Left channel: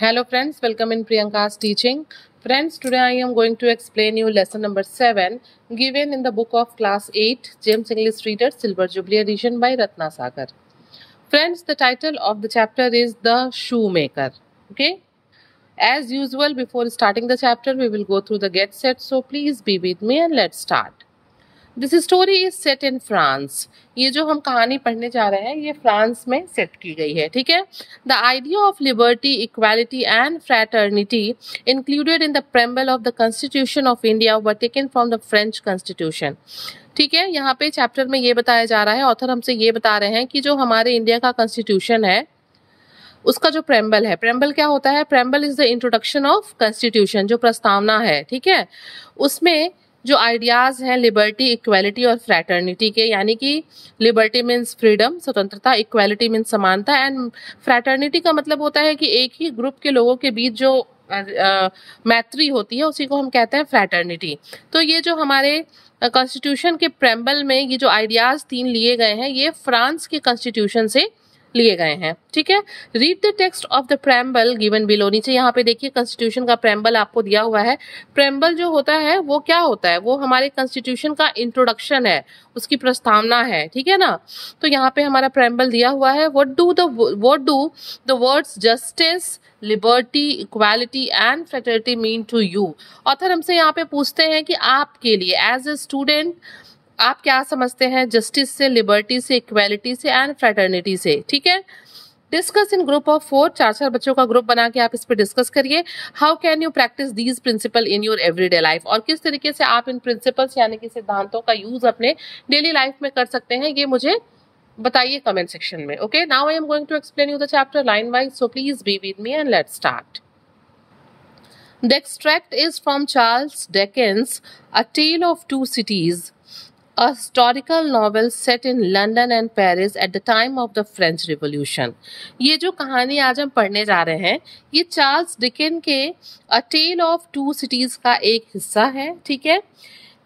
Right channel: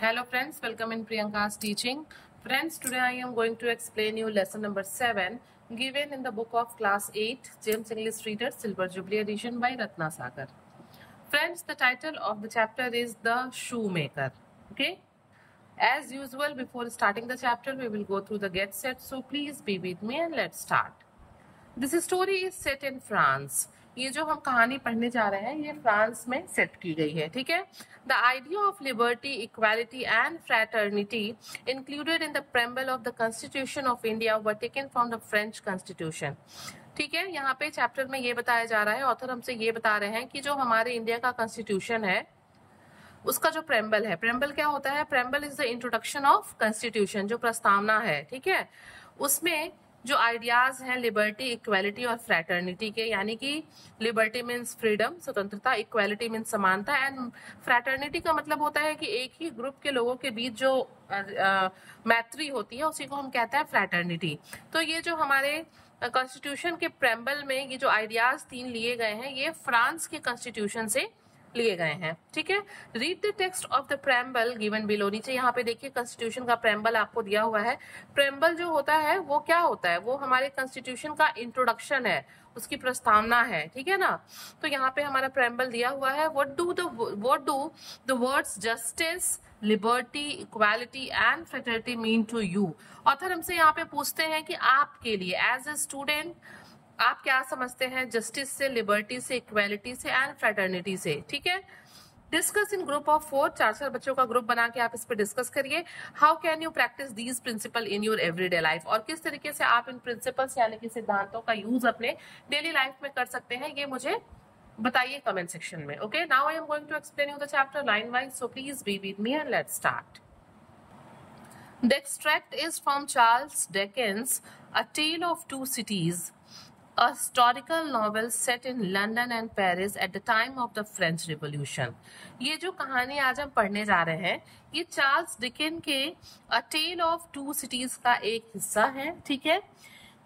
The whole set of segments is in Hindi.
Hello friends, welcome in Priyanka's teaching. Friends, today I am going to explain you lesson number 7 given in the book of class 8 James English Reader Silver Jubilee edition by Ratna Sagar. Friends, the title of the chapter is The Shoemaker. Okay? As usual, before starting the chapter, we will go through the get set. So please be with me and let's start. This story is set in France. ये जो हम कहानी पढ़ने जा रहे हैं ये फ्रांस में सेट की गई है। ठीक है। The idea of liberty, equality and fraternity included in the preamble of the constitution of India were taken from the French constitution. ठीक है। यहाँ पे चैप्टर में ये बताया जा रहा है, ऑथर हमसे ये बता रहे हैं कि जो हमारे इंडिया का कॉन्स्टिट्यूशन है उसका जो प्रेम्बल है, प्रेम्बल क्या होता है? Preamble is the introduction of constitution, जो प्रस्तावना है। ठीक है। उसमें जो आइडियाज हैं लिबर्टी, इक्वालिटी और फ्रैटर्निटी के, यानी कि लिबर्टी मीन्स फ्रीडम, स्वतंत्रता, इक्वालिटी मीन्स समानता एंड फ्रैटर्निटी का मतलब होता है कि एक ही ग्रुप के लोगों के बीच जो मैत्री होती है उसी को हम कहते हैं फ्रैटर्निटी। तो ये जो हमारे कॉन्स्टिट्यूशन के प्रेम्बल में ये जो आइडियाज 3 लिए गए हैं ये फ्रांस के कॉन्स्टिट्यूशन से लिए गए हैं। ठीक है। Read the text of the preamble given below. नीचे यहाँ पे देखिए कॉन्स्टिट्यूशन का प्रेम्बल आपको दिया हुआ है। प्रेम्बल जो होता है वो क्या होता है? वो हमारे कॉन्स्टिट्यूशन का इंट्रोडक्शन है, उसकी प्रस्तावना है। ठीक है ना। तो यहाँ पे हमारा प्रेम्बल दिया हुआ है। What do the words justice, liberty, equality and fraternity mean to you? Author हमसे यहाँ पे पूछते हैं कि आपके लिए एज ए स्टूडेंट आप क्या समझते हैं जस्टिस से, लिबर्टी से, इक्वालिटी से एंड फ्रैटर्निटी से। ठीक है। डिस्कस इन ग्रुप ऑफ 4, 4 बच्चों का ग्रुप बना के आप इस पर डिस्कस करिए। How can you practise these principle in your everyday life? और किस तरीके से आप इन प्रिंसिपल्स यानी कि सिद्धांतों का यूज अपने डेली लाइफ में कर सकते हैं, ये मुझे बताइए कमेंट सेक्शन में। Okay, now I am going to explain you the chapter line wise, so please be with me and let's start. The extract is from Charles Dickens' A Tale of Two Cities, a historical novel set in London and Paris at the time of the French Revolution. ये जो कहानी आज हम पढ़ने जा रहे हैं ये चार्ल्स डिकेन के A Tale of Two Cities का एक हिस्सा है। ठीक है।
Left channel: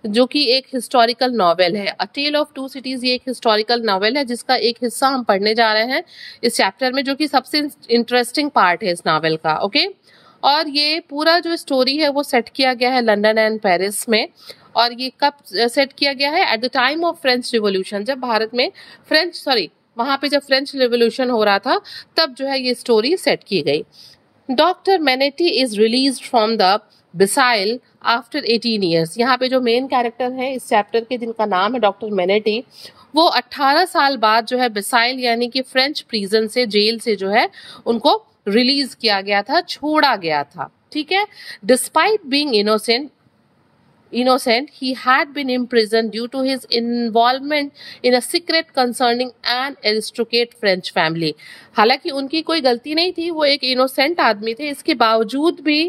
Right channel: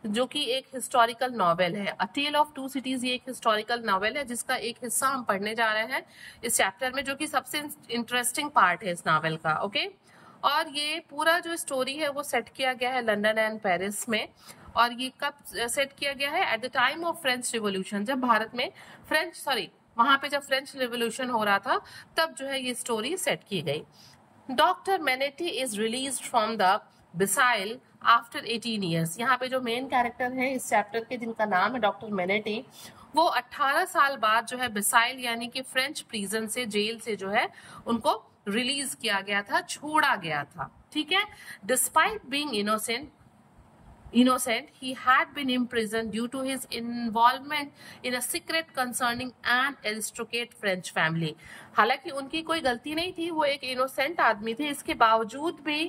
जो कि एक हिस्टोरिकल नॉवेल है। A Tale of Two Cities ये एक हिस्टोरिकल नॉवेल है जिसका एक हिस्सा हम पढ़ने जा रहे हैं इस चैप्टर में, जो कि सबसे इंटरेस्टिंग पार्ट है इस नॉवेल का। ओके। और ये पूरा जो स्टोरी है वो सेट किया गया है लंदन एंड पेरिस में। और ये कब सेट किया गया है? At the time of French revolution, जब भारत में वहां पे जब फ्रेंच रिवॉल्यूशन हो रहा था तब जो है ये स्टोरी सेट की गई। Doctor Manette is release from the Bastille after 18 years. यहाँ पे जो मेन कैरेक्टर है इस चैप्टर के जिनका नाम है डॉक्टर मेनेटी, वो 18 साल बाद जो है बिसाइल यानी कि फ्रेंच प्रिजन से, जेल से जो है उनको रिलीज किया गया था, छोड़ा गया था। ठीक है। Despite being innocent, he had been imprisoned due to his involvement in a secret concerning an aristocrat French family. हालांकि उनकी कोई गलती नहीं थी, वो एक इनोसेंट आदमी थे, इसके बावजूद भी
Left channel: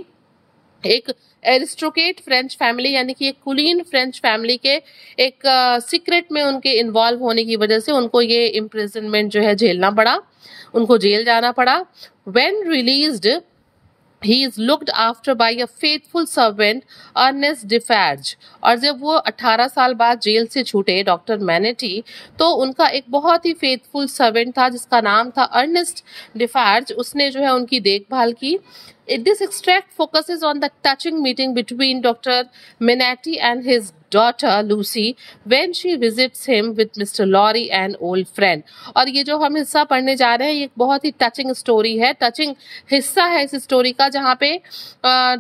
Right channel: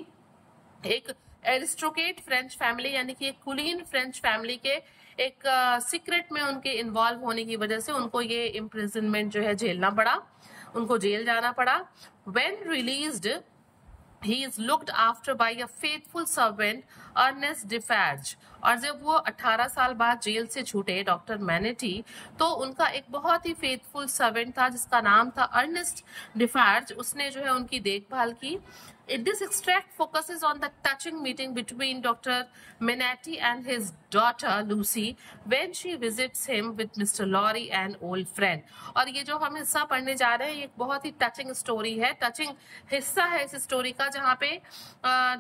एक एरिस्टोक्रेट फ्रेंच फैमिली यानी कि एक कुलीन फ्रेंच फैमिली के एक सीक्रेट में उनके इन्वॉल्व होने की वजह से उनको ये इम्प्रिजनमेंट जो है झेलना पड़ा, उनको जेल जाना पड़ा। When released, he is looked after by a faithful servant, Ernest Defarge. और जब वो 18 साल बाद जेल से छूटे डॉक्टर मैनेटी, तो उनका एक बहुत ही फेथफुल सर्वेंट था जिसका नाम था अर्नेस्ट डिफार्ज, उसने जो है उनकी देखभाल की। This extract focuses on the touching meeting between Dr. Menati and his daughter Lucy when she visits him with Mr. Lorry, an old friend. और ये जो हम हिस्सा पढ़ने जा रहे हैं ये एक बहुत ही टचिंग स्टोरी है, टचिंग हिस्सा है इस स्टोरी का, जहाँ पे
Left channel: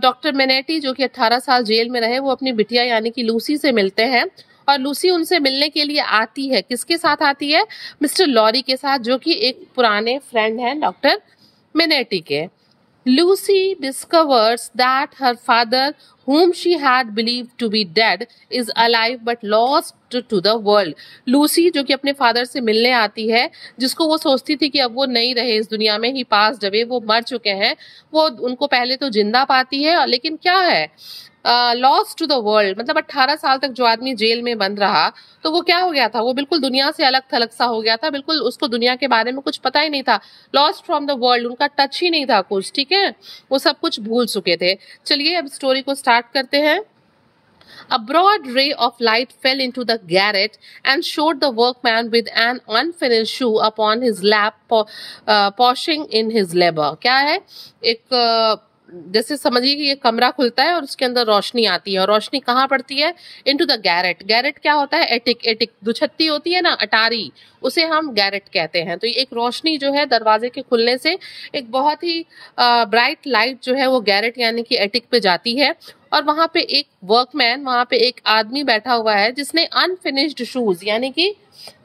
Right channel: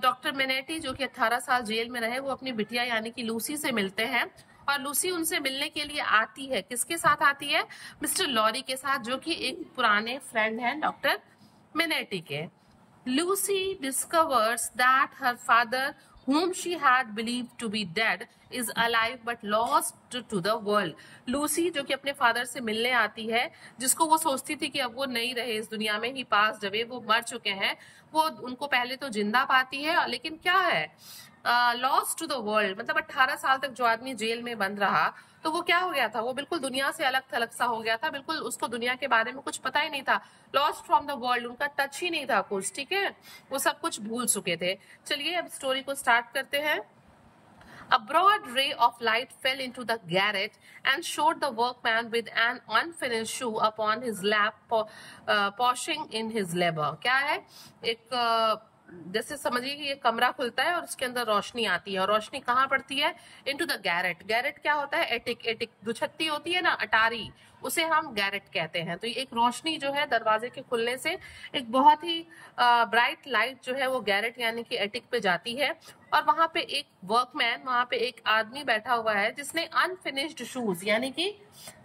डॉक्टर मेनेटी जो कि 18 साल जेल में रहे वो अपनी बिटिया यानी कि लूसी से मिलते हैं। और लूसी उनसे मिलने के लिए आती है, किसके साथ आती है? मिस्टर लॉरी के साथ, जो कि एक पुराने फ्रेंड हैं डॉक्टर मेनेटी के। Lucy discovers that her father, whom she had believed to be dead, is alive but lost to the world. Lucy जो कि अपने फादर से मिलने आती है, जिसको वो सोचती थी कि अब वो नहीं रहे इस दुनिया में, ही पास जब वो मर चुके हैं, वो उनको पहले तो जिंदा पाती है, लेकिन क्या है लॉस्ट टू द वर्ल्ड, मतलब 18 साल तक जो आदमी जेल में बंद रहा तो वो क्या हो गया था? वो बिल्कुल दुनिया से अलग थलग सा हो गया था, बिल्कुल उसको दुनिया के बारे में कुछ पता ही नहीं था, लॉस्ट फ्रॉम द वर्ल्ड, उनका टच ही नहीं था कुछ। ठीक है। वो सब कुछ भूल चुके थे। चलिए अब स्टोरी को स्टार्ट करते हैं। A broad ray of light fell into the garret and showed the workman with an unfinished shoe upon his lap, poshing in his labor. क्या है? एक जैसे समझिए कि ये कमरा खुलता है और उसके अंदर रोशनी आती है, और रोशनी कहाँ पड़ती है? Into the Garrett. गैरेट क्या होता है? एटिक. एटिक दुछत्ती होती है ना, अटारी, उसे हम गैरेट कहते हैं. तो ये एक रोशनी जो है दरवाजे के खुलने से एक बहुत ही ब्राइट लाइट जो है वो गैरेट यानी कि एटिक पे जाती है, और वहां पे एक वर्कमैन, वहां पे एक आदमी बैठा हुआ है जिसने अनफिनिश्ड शूज यानी कि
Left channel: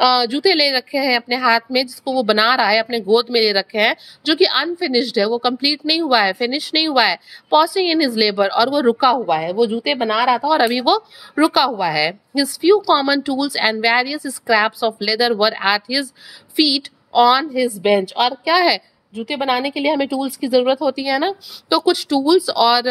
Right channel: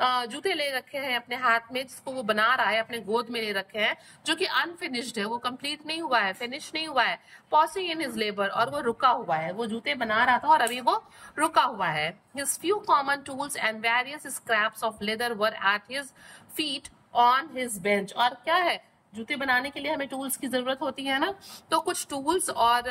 जूते ले रखे हैं अपने हाथ में, जिसको वो बना रहा है, अपने गोद में ले रखे हैं, जो कि अनफिनिश्ड है, वो कंप्लीट नहीं हुआ है, फिनिश नहीं हुआ है. पॉसिंग इन हिज लेबर, और वो रुका हुआ है, वो जूते बना रहा था और अभी वो रुका हुआ है. His few common tools and various scraps of leather were at his feet on his bench. और क्या है? जूते बनाने के लिए हमें टूल्स की जरूरत होती है ना, तो कुछ टूल्स और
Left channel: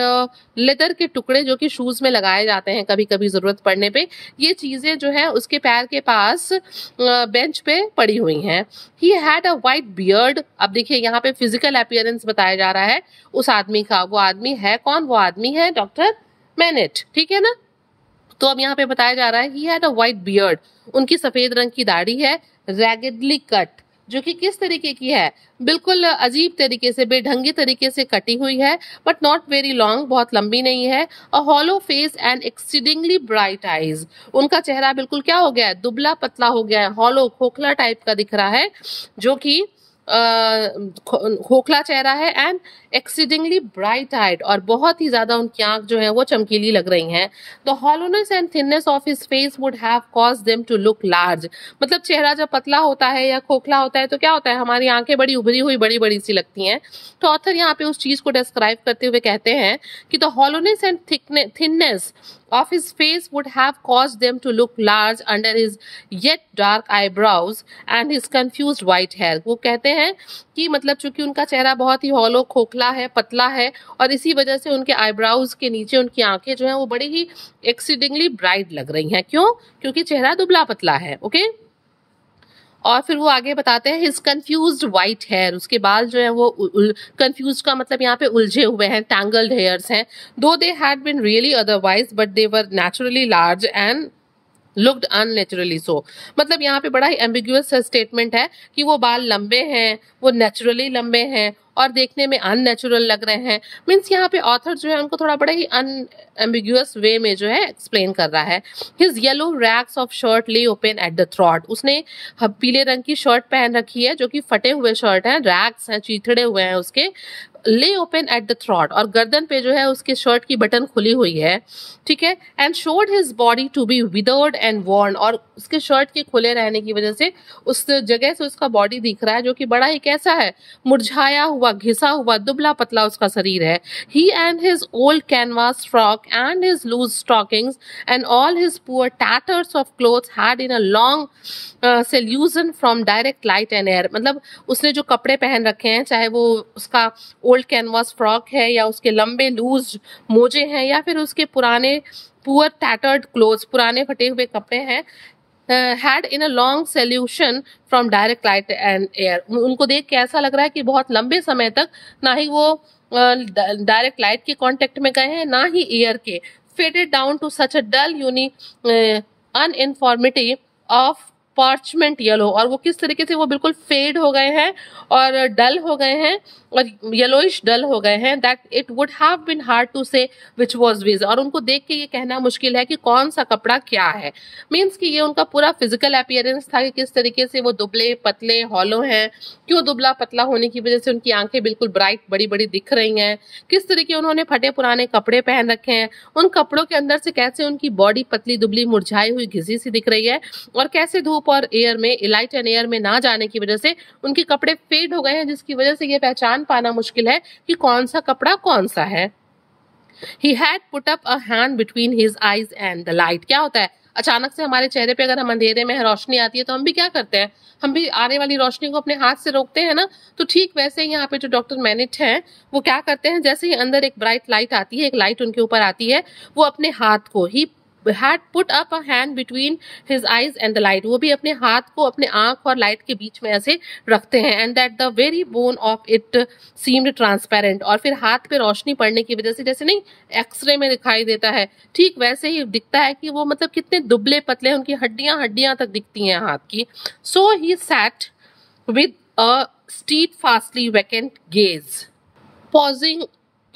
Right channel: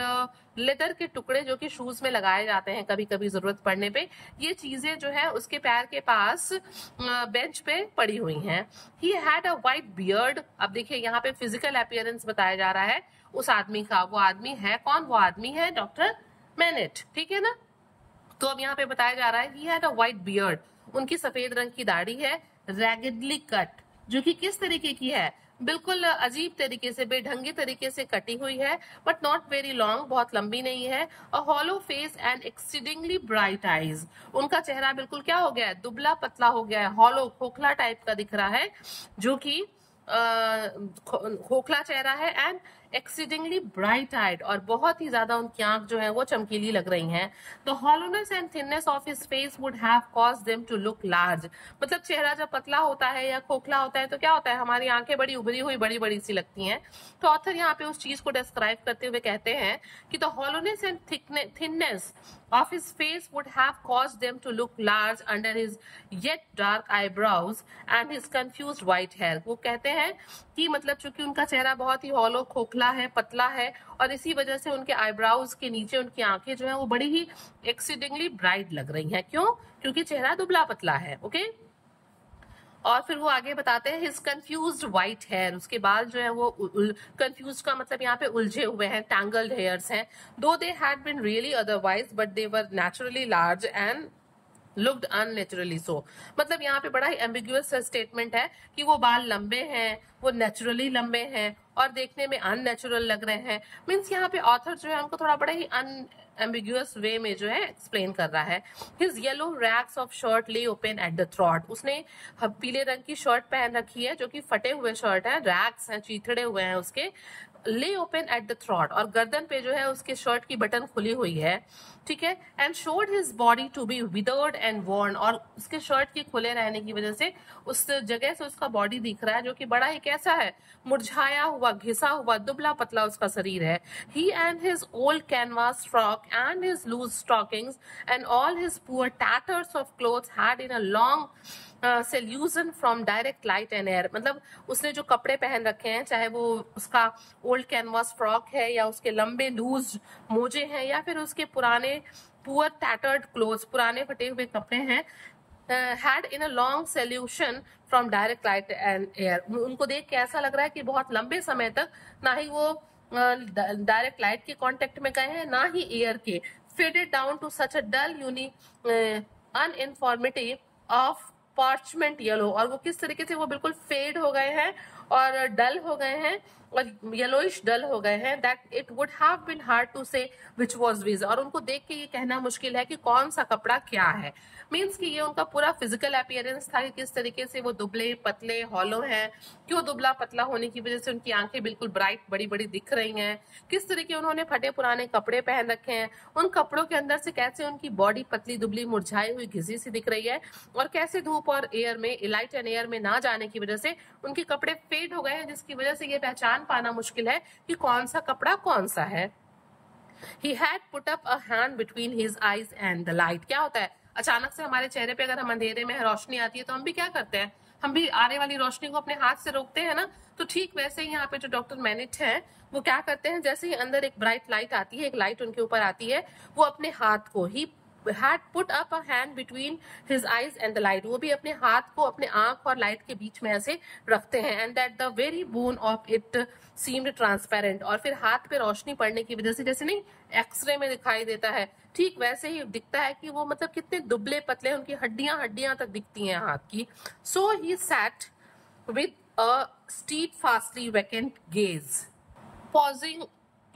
लेदर के टुकड़े जो कि शूज में लगाए जाते हैं कभी कभी जरूरत पड़ने पे, ये चीजें जो है उसके पैर के पास बेंच पे पड़ी हुई हैं. He had a white beard. अब देखिए यहाँ पे फिजिकल अपीयरेंस बताया जा रहा है उस आदमी का. वो आदमी है कौन? वो आदमी है डॉक्टर मैनेट. ठीक है ना. तो अब यहाँ पे बताया जा रहा है he had a white beard. उनकी सफेद रंग की दाढ़ी है. रैगेडली कट, जो कि किस तरीके की है? बिल्कुल अजीब तरीके से, बेढंगी तरीके से कटी हुई है, बट नॉट वेरी लॉन्ग, बहुत लंबी नहीं है. A hollow face and exceedingly bright eyes. उनका चेहरा बिल्कुल क्या हो गया है? दुबला पतला हो गया है, हॉलो खोखला टाइप का दिख रहा है, जो कि खोखला चेहरा है. एंड एक्सीडिंगली ब्राइट आइड, और बहुत ही ज्यादा उनकी आंख जो है वो चमकीली लग रही हैं. The hollowness and thinness of his face would have caused them to look large. मतलब चेहरा जब पतला होता है या खोखला होता है तो क्या होता है? हमारी आंखें बड़ी उभरी हुई, बड़ी बड़ी सी लगती हैं. तो ऑथर यहाँ पे उस चीज को डिस्क्राइब करते हुए कहते हैं कि the hollowness and thinness of his face would have caused them to look large under his yet dark eyebrows and his confused white hair. वो कहते हैं कि मतलब चूंकि उनका चेहरा बहुत ही हॉलो, खोखला है, पतला है, और इसी वजह से उनके आईब्राउज के नीचे उनकी आंखें जो हैं वो बड़ी ही एक्सीडिंगली ब्राइट लग रही हैं. क्यों? क्योंकि चेहरा दुबला पतला है. ओके. और फिर वो आगे बताते हैं हिज कंफ्यूज्ड व्हाइट हेयर. उसके बाल जो है वो कंफ्यूज का मतलब यहाँ पे उलझे हुए हैं, टैंगल्ड हेयर्स हैं. Though they had been really otherwise but they were naturally large and looked unnaturally so. मतलब यहाँ पे बड़ा ही एम्बिग्यूअस स्टेटमेंट है कि वो बाल लंबे हैं, वो नेचुरली लंबे हैं और देखने में अननेचुरल लग रहे हैं. मीन्स यहाँ पे ऑथर जो है उनको थोड़ा बड़ा ही अनएम्बिग्यूअस वे में जो है एक्सप्लेन कर रहा है. His yellow rags of shirt lay open at the throat. उसने पीले रंग की शर्ट पहन रखी है जो कि फटे हुए शर्ट हैं, रैक्स हैं, चीथड़े हुए हैं उसके. ले ओपन एट द थ्रॉट, और गर्दन पे जो है उसके शर्ट की बटन खुली हुई है. ठीक है. And showed his body to be withered and worn, और उसके शर्ट के खुले रहने की वजह से उस जगह से उसका बॉडी दिख रहा है जो कि बड़ा ही कैसा है? मुरझाया हुआ, घिसा हुआ, दुबला पतला उसका शरीर है. He and his old canvas frock and his loose stockings and all his poor tatters of clothes had in a long seclusion from direct light and air. मतलब उसने जो कपड़े पहन रखे हैं, चाहे वो उसका ओल्ड कैनवास फ्रॉक है या उसके लंबे लूज मोजे हैं या फिर उसके पुराने पुअर टैटर्ड क्लोथ्स, पुराने फटे हुए कपड़े हैं, had in a long solution from direct light and air. उनको देख के ऐसा लग रहा है कि बहुत लंबे समय तक ना ही वो डायरेक्ट लाइट के कांटेक्ट में गए हैं, ना ही एयर के. faded down to such a dull uniformity of parchment yellow, और वो किस तरीके से वो बिल्कुल फेड हो गए हैं और डल हो गए हैं और येलोइश डल हो गए हैं. That it would have been hard to say which was which. और उनको देख के ये कहना मुश्किल है कि कौन सा कपड़ा क्या है. मीन्स कि ये उनका पूरा फिजिकल अपीयरेंस था कि किस तरीके से वो दुबले पतले हॉलो हैं. क्यों? दुबला पतला होने की वजह से उनकी आंखें बिल्कुल ब्राइट बड़ी बड़ी दिख रही हैं. किस तरीके उन्होंने फटे पुराने कपड़े पहन रखे हैं, उन कपड़ों के अंदर से कैसे उनकी बॉडी पतली दुबली मुरझाई हुई घिसी सी दिख रही है, और कैसे धूप और एयर में, लाइट एंड एयर में ना जाने की वजह से उनके कपड़े फेड हो गए हैं, जिसकी वजह से ये पहचान पाना मुश्किल है कि कौन सा कपड़ा कौन सा है. He had put up a hand between his eyes and the light. क्या होता है? अचानक से हमारे चेहरे पे अगर हम अंधेरे में रोशनी आती है तो हम भी क्या करते हैं? हम भी आने वाली रोशनी को अपने हाथ से रोकते हैं ना. तो ठीक वैसे ही यहाँ पे जो डॉक्टर मैनिट हैं वो क्या करते हैं, जैसे ही अंदर एक ब्राइट लाइट आती है, एक लाइट उनके ऊपर आती है, वो अपने हाथ को ही had put up a hand between his eyes and the light. वो भी अपने हाथ को अपने आंख और लाइट के बीच में ऐसे रखते हैं. And that the very bone of it seemed transparent. और फिर हाथ पे रोशनी पड़ने की वजह से, जैसे नहीं एक्सरे में दिखाई देता है, ठीक वैसे ही दिखता है कि वो मतलब कितने दुबले पतले, उनकी हड्डियां हड्डियां तक दिखती हैं हाथ की. So he sat with a steadfastly vacant gaze, pausing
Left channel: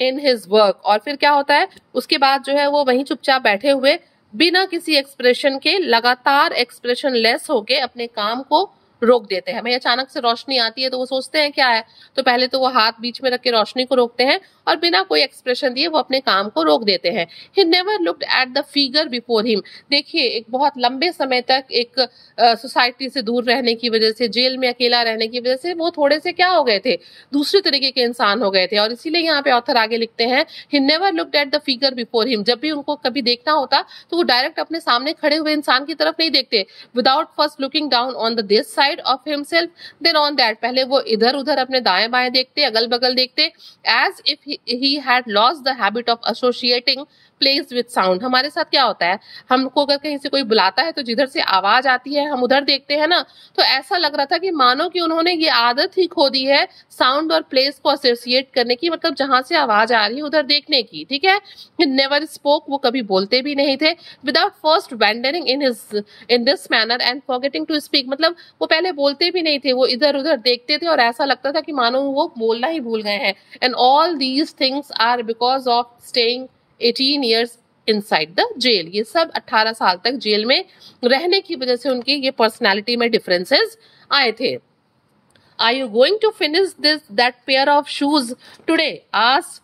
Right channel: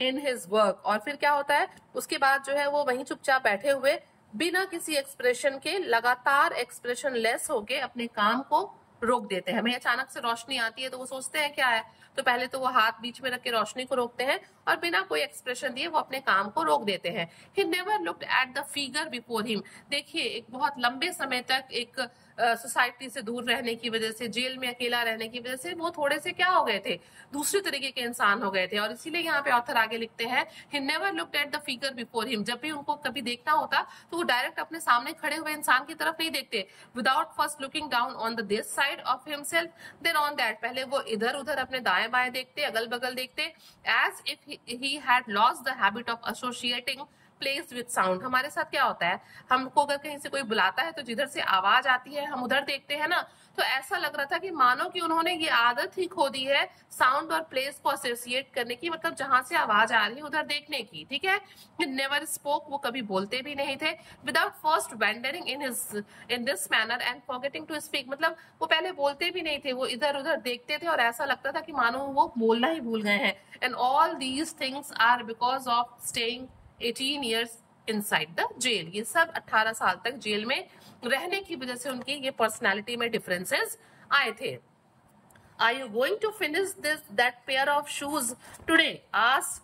in his work. और फिर क्या होता है उसके बाद जो है वो वहीं चुपचाप बैठे हुए बिना किसी एक्सप्रेशन के, लगातार एक्सप्रेशन लेस होके अपने काम को रोक देते हैं. भाई अचानक से रोशनी आती है तो वो सोचते हैं क्या है, तो पहले तो वो हाथ बीच में रख के रोशनी को रोकते हैं और बिना कोई एक्सप्रेशन दिए वो अपने काम को रोक देते हैं. He never looked at the figure before him. देखिए एक बहुत लंबे समय तक एक सोसाइटी से दूर रहने की वजह से, जेल में अकेला रहने की वजह से वो थोड़े से क्या हो गए थे, दूसरे तरीके के इंसान हो गए थे. और इसीलिए यहाँ पे ऑथर आगे लिखते हैं he never looked at the figure before him. जब भी उनको कभी देखना होता तो वो डायरेक्ट अपने सामने खड़े हुए इंसान की तरफ नहीं देखते. Without first looking down on the this side of himself then on that. पहले वो इधर उधर अपने दाएं बाएं देखते, अगल बगल देखते, as if he had lost the habit of associating place with sound. हमारे साथ क्या होता है, हमको अगर कहीं से कोई बुलाता है तो जिधर से आवाज आती है हम उधर देखते हैं ना, तो ऐसा लग रहा था कि मानो कि उन्होंने ये आदत ही खो दी है साउंड और प्लेस को एसोसिएट करने की, मतलब जहां से आवाज आ रही है उधर देखने की. ठीक है. नेवर स्पोक, वो कभी बोलते भी नहीं थे. Without first wandering in this manner and forgetting to speak. मतलब वो पहले बोलते भी नहीं थे, वो इधर उधर देखते थे और ऐसा लगता था कि मानो वो बोलना ही भूल गए हैं. And all these things are because of staying 18 years inside the jail. ये सब 18 साल तक जेल में रहने की वजह से उनकी ये पर्सनालिटी में डिफरेंसेस आए थे. Are you going to finish that pair of shoes today? asked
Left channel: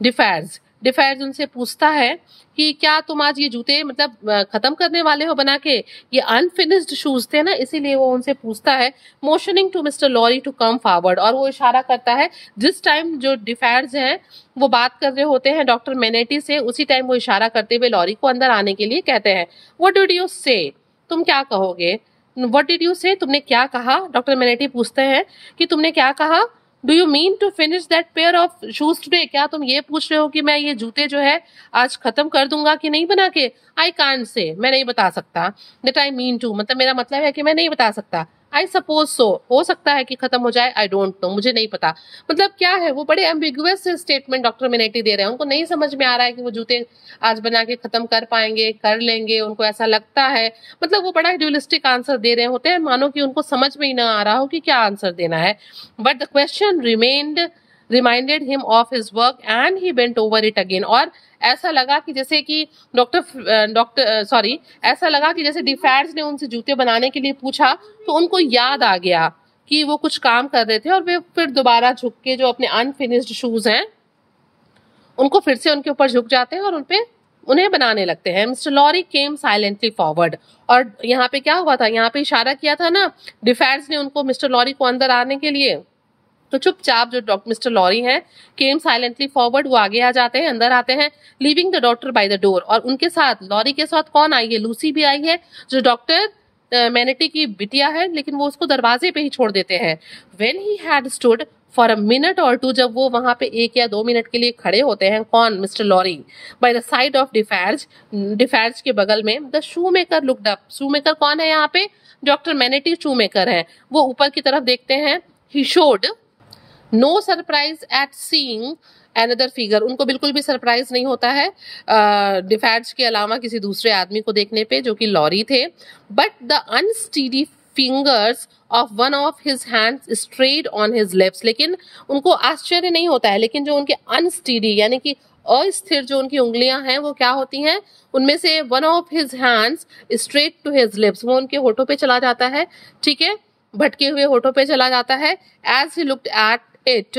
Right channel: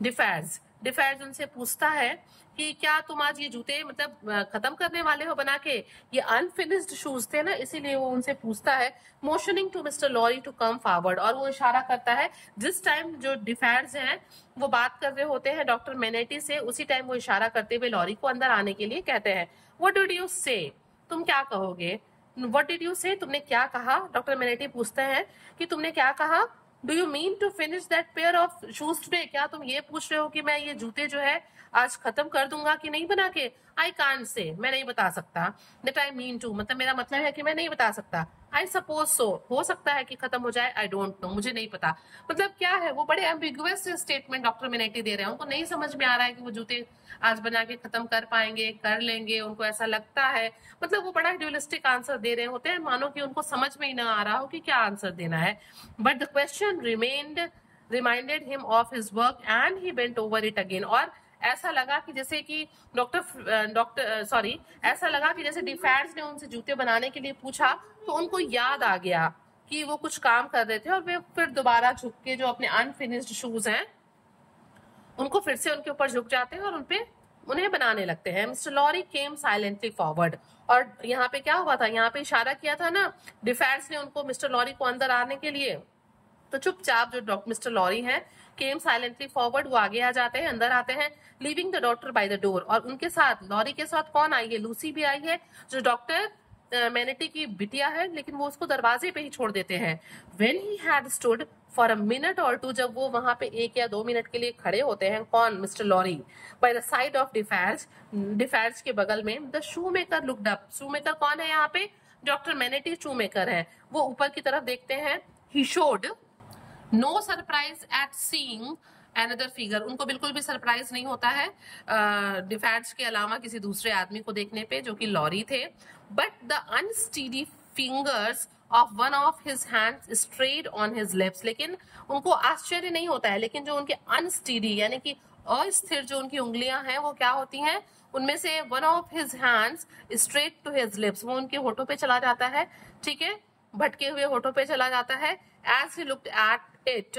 DeFaz. डिफेज उनसे पूछता है कि क्या तुम आज ये जूते मतलब खत्म करने वाले हो बना के. ये अनफिनिश्ड शूज थे ना, इसीलिए वो उनसे पूछता है. Motioning to mister Lorry to come forward. और वो इशारा करता है जिस टाइम जो डिफेज हैं वो बात कर रहे होते हैं डॉक्टर मेनेटी से, उसी टाइम वो इशारा करते हुए लॉरी को अंदर आने के लिए कहते हैं. व्हाट डिड यू से? तुम क्या कहोगे? व्हाट डिड यू से? तुमने क्या कहा? डॉक्टर मेनेटी पूछते हैं कि तुमने क्या कहा. Do you mean to finish that pair of shoes today? क्या तुम ये पूछ रहे हो कि मैं ये जूते जो है आज खत्म कर दूंगा कि नहीं बना के? आई कांट से, मैं नहीं बता सकता. दैट आई मीन टू, मतलब मेरा मतलब है कि मैं नहीं बता सकता. आई सपोज सो, हो सकता है कि खत्म हो जाए. आई डोंट नो, मुझे नहीं पता. मतलब क्या है, वो बड़े एम्बिगुअस स्टेटमेंट डॉक्टर मेनेटी दे रहे हैं. उनको नहीं समझ में आ रहा है कि वो जूते आज बना के खत्म कर पाएंगे, कर लेंगे, उनको ऐसा लगता है. मतलब वो बड़ा ड्यूलिस्टिक आंसर दे रहे होते हैं, मानो कि उनको समझ में ही ना आ रहा हो कि क्या आंसर देना है. But the question reminded him of his work and he bent over it again. और ऐसा लगा कि जैसे कि ऐसा लगा कि जैसे डिफेज ने उनसे जूते बनाने के लिए पूछा तो उनको याद आ गया कि वो कुछ काम कर रहे थे और वे फिर दोबारा झुक के जो अपने अनफिनिश्ड शूज हैं उनको फिर से उनके ऊपर झुक जाते हैं और उन्हें बनाने लगते हैं. मिस्टर लॉरी केम साइलेंटली फॉरवर्ड. और यहाँ पे क्या हुआ था, यहाँ पे इशारा किया था ना डिफेज ने उनको मिस्टर लॉरी को अंदर आने के लिए, तो चुपचाप जो मिस्टर लॉरी हैं केम साइलेंटली फॉरवर्ड, वो आगे आ जाते हैं, अंदर आते हैं. Leaving the doctor by the door. और उनके साथ लॉरी के साथ कौन आई है? लूसी भी आई है जो डॉक्टर मेनेटी की बिटिया है, लेकिन वो उसको दरवाजे पे ही छोड़ देते हैं. When he had stood for a minute और टू, जब वो वहां पे 1 या 2 मिनट के लिए खड़े होते हैं, कौन? Mister Lorry. By the side of Defarge के बगल में. The shoemaker looked up. Shoemaker कौन है यहाँ पे? डॉक्टर मेनेटी शू मेकर है. वो ऊपर की तरफ देखते हैं. He showed no surprise at seeing another figure. उनको बिल्कुल भी सरप्राइज नहीं होता है डिफेज के अलावा किसी दूसरे आदमी को देखने पे जो कि लॉरी थे. But the unsteady fingers of one of his hands strayed on his lips. लेकिन उनको आश्चर्य नहीं होता है, लेकिन जो उनके अनस्टीडी यानी कि अस्थिर जो उनकी उंगलियां हैं वो क्या होती हैं, उनमें से one of his hands straight to his lips, वो उनके होठों पे चला जाता है. ठीक है, भटके हुए होठों पे चला जाता है. As he looked at it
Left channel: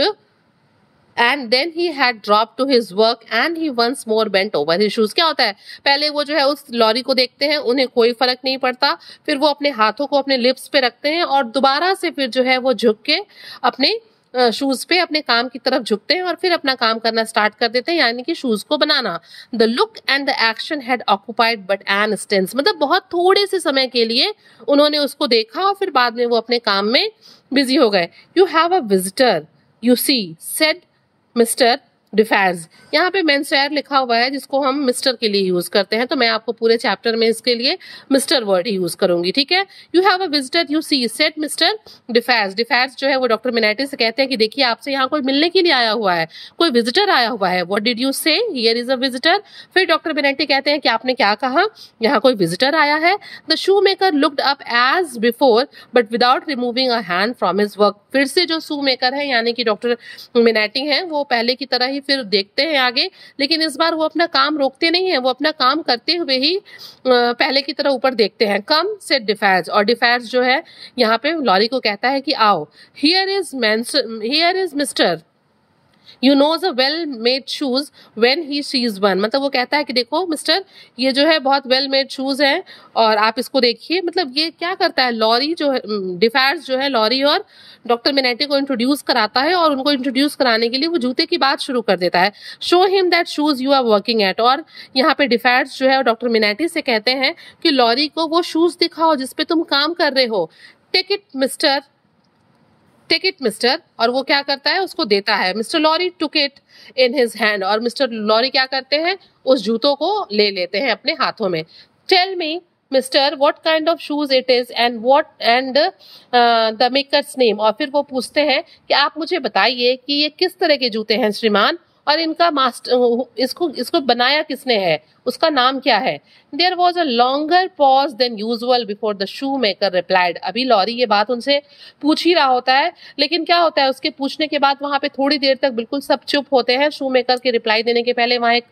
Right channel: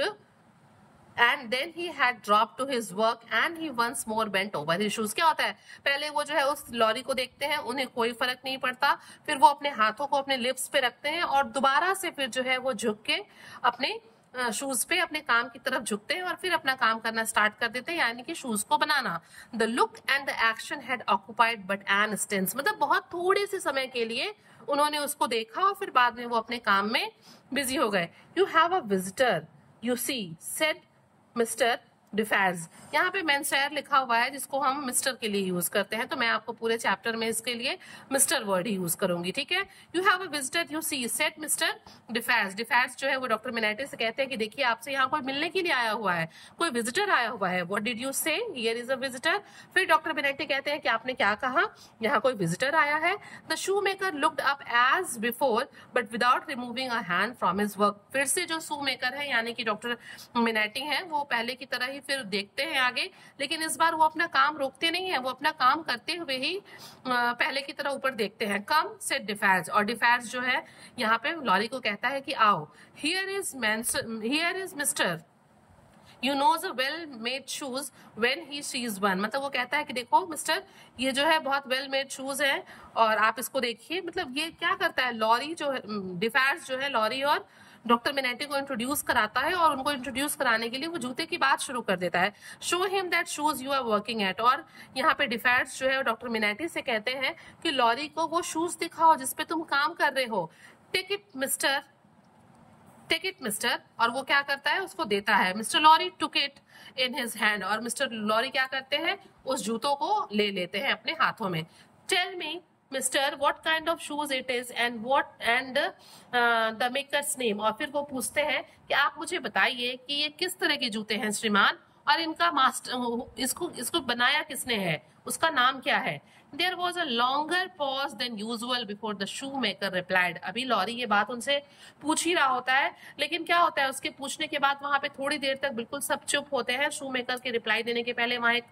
and then he had dropped to his work and he once more bent over his shoes. क्या होता है, पहले वो जो है उस लॉरी को देखते हैं, उन्हें कोई फर्क नहीं पड़ता, फिर वो अपने हाथों को अपने लिप्स पे रखते हैं और दोबारा से फिर जो है वो झुक के अपने शूज पे अपने काम की तरफ झुकते हैं और फिर अपना काम करना स्टार्ट कर देते हैं, यानी कि शूज को बनाना. The look and the action had occupied but an instance. मतलब बहुत थोड़े से समय के लिए उन्होंने उसको देखा और फिर बाद में वो अपने काम में बिजी हो गए. You have a visitor you see, said Mr. डिफेज। यहाँ पे मेंसवेयर लिखा हुआ है जिसको हम मिस्टर के लिए यूज करते हैं, तो मैं आपको पूरे चैप्टर में इसके लिए मिस्टर वर्ड ही यूज करूंगी, ठीक है। You have a visitor you see said mister Defarge. Defarge जो है वो डॉक्टर मिनाटी से कहते हैं कि देखिए आपसे यहाँ कोई मिलने के लिए आया हुआ है, कोई विजिटर आया हुआ है। व्हाट डिड यू से? Here is a visitor. फिर डॉक्टर मिनाटी कहते हैं कि आपने क्या कहा, यहाँ कोई विजिटर आया है। The shoemaker looked up as before but without removing a hand from his work. फिर से जो शू मेकर है यानी कि डॉक्टर मिनाटी हैं वो पहले की तरह ही फिर देखते हैं आगे, लेकिन इस बार वो अपना काम रोकते नहीं है, वो अपना काम करते हुए ही पहले की तरह ऊपर देखते हैं। कम सेड डिफेज, और डिफेज जो है यहाँ पे लॉरी को कहता है कि आओ। Here is mister you knows a well made shoes when he sees one. मतलब वो कहता है कि देखो मिस्टर, ये जो है बहुत वेल मेड शूज हैं और आप इसको देखिए। मतलब ये क्या करता है, लॉरी जो है, डिफेज जो है लॉरी और डॉक्टर मिनाटी को इंट्रोड्यूस कराता है, और उनको इंट्रोड्यूस कराने के लिए वो जूते की बात शुरू कर देता है। Show him that shoes you are working at. और यहाँ पे डिफेज जो है डॉक्टर मिनाटी से कहते हैं कि लॉरी को वो शूज दिखाओ जिसपे तुम काम कर रहे हो। Take it mister, take it mister. और वो क्या करता है, उसको देता है। Mister Lorry took it in his hand, और मिस्टर लॉरी क्या करते हैं, उस जूतों को ले लेते हैं अपने हाथों में। Tell me mister what kind of shoes it is and the maker's name. और फिर वो पूछते हैं कि आप मुझे बताइए कि ये किस तरह के जूते हैं श्रीमान, और इनका मास्टर इसको बनाया किसने है, उसका नाम क्या है। There was a longer pause than usual before the shoemaker replied. अभी लॉरी ये बात उनसे पूछ ही रहा होता है, लेकिन क्या होता है उसके पूछने के बाद वहां पे थोड़ी देर तक बिल्कुल सब चुप होते हैं। शू मेकर के रिप्लाई देने के पहले वहां एक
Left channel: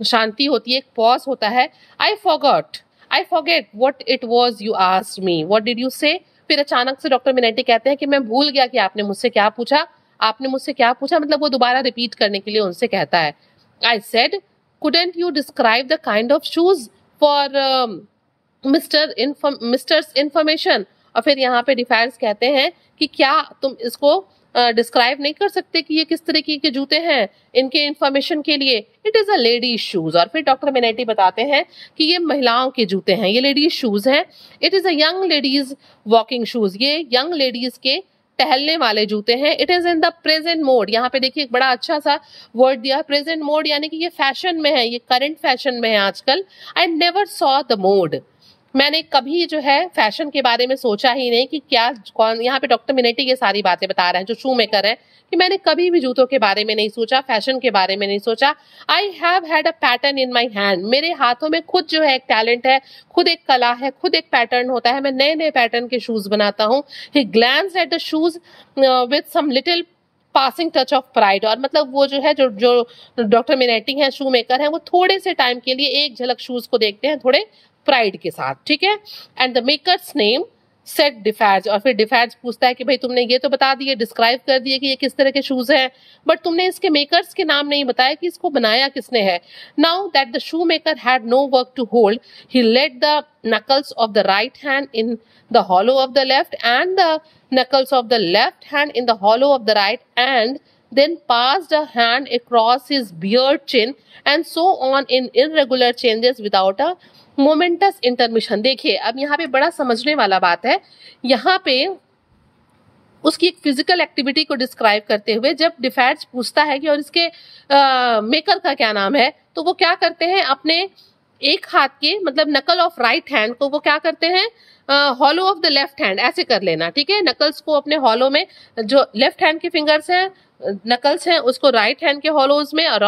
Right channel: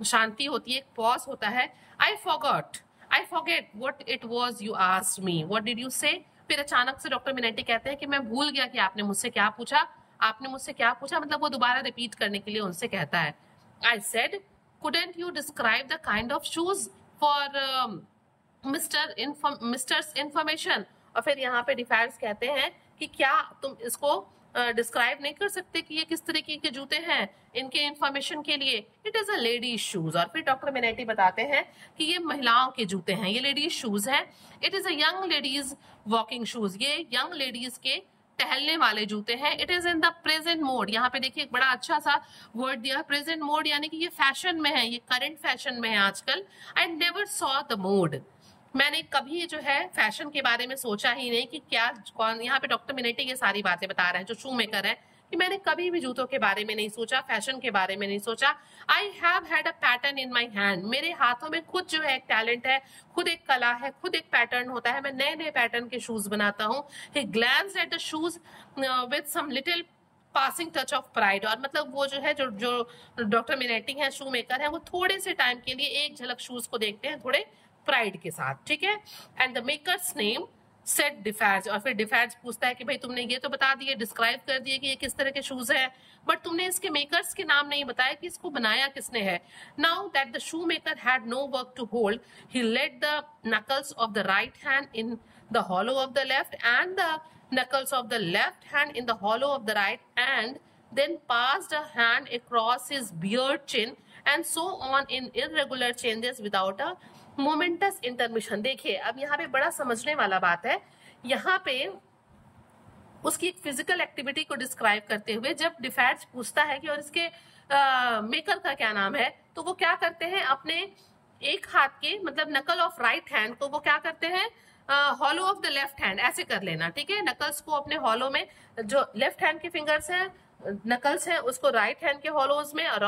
शांति होती है, एक पॉज होता है। I forget what it was you asked me, what did you से। फिर अचानक से डॉक्टर मिनेटी कहते हैं कि मैं भूल गया कि आपने मुझसे क्या पूछा, आपने मुझसे क्या पूछा। मतलब वो दोबारा रिपीट करने के लिए उनसे कहता है। I said couldn't you describe the kind of shoes for misters information. और फिर यहाँ पे डिफेंस कहते हैं कि क्या तुम इसको डिस्क्राइब नहीं कर सकते कि ये किस तरीके के जूते हैं इनके इंफॉर्मेशन के लिए। It is a ladies shoes. और फिर डॉक्टर मिनेटी बताते हैं कि ये महिलाओं के जूते हैं, ये लेडीज शूज हैं। It is a young ladies walking shoes, ये यंग लेडीज के टहलने वाले जूते हैं। It is in the present mode. यहाँ पे देखिए एक बड़ा अच्छा सा वर्ड दिया, प्रेजेंट मोड, यानी कि ये फैशन में है, ये करंट फैशन में है आजकल। I never saw the mode, मैंने कभी जो है फैशन के बारे में सोचा ही नहीं कि क्या कौन। यहाँ पे डॉक्टर मिनेटी ये सारी बातें बता रहे हैं जो शू मेकर है, कि मैंने कभी भी जूतों के बारे में नहीं सोचा, फैशन के बारे में नहीं सोचा। I have had a pattern in my hand, मेरे हाथों में खुद जो है एक टैलेंट है, खुद एक कला है, खुद एक पैटर्न होता है, मैं नए नए पैटर्न के शूज बनाता हूँ। He glance at the shoes with some little passing touch of pride. और मतलब वो जो है जो डॉक्टर मिनेटी है, शू मेकर है, वो थोड़े से टाइम के लिए एक झलक शूज को देखते हैं थोड़े प्राइड के साथ, ठीक है। And the maker's name said Defarge. और फिर डिफेज पूछता है कि भाई तुमने ये तो बता दिए, डिस्क्राइब कर दिए कि ये किस तरह के शूज हैं, बट तुमने इसके मेकर्स के नाम नहीं बताया कि इसको बनाया किसने है। Now that the shoemaker had no work to hold, he laid the knuckles of the right hand in the hollow of the left and the knuckles of the left hand in the hollow of the right, and then passed a hand across his beard chin and so on in irregular changes without a momentous intermission। देखिए अब यहाँ पे बड़ा समझने वाला बात है, यहाँ पे उसकी एक फिजिकल एक्टिविटी को डिस्क्राइब करते हुए जब डिफेंस पूछता है कि और इसके मेकर का क्या नाम है, तो वो क्या करते हैं, अपने एक हाथ के मतलब नकल ऑफ राइट हैंड को वो क्या करते हैं, hollow of the left hand ऐसे कर लेना, ठीक है। नकल्स को अपने हॉलो में, जो लेफ्ट हैंड के फिंगर्स हैं, नकल्स हैं, उसको राइट हैंड के हॉलोज में, और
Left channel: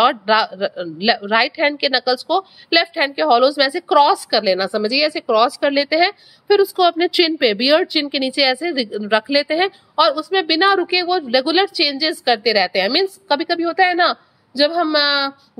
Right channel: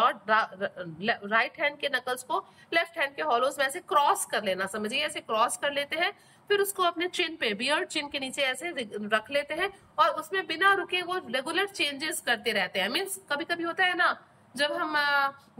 राइट हैंड के नकल्स को लेफ्ट हैंड के हॉलोज में ऐसे क्रॉस कर लेना, समझिए ऐसे क्रॉस कर लेते हैं। फिर उसको अपने चिन पे, बियर्ड चिन के नीचे ऐसे रख लेते हैं, और उसमें बिना रुके वो रेगुलर चेंजेस करते रहते हैं। मीन्स कभी कभी होता है ना, जब हम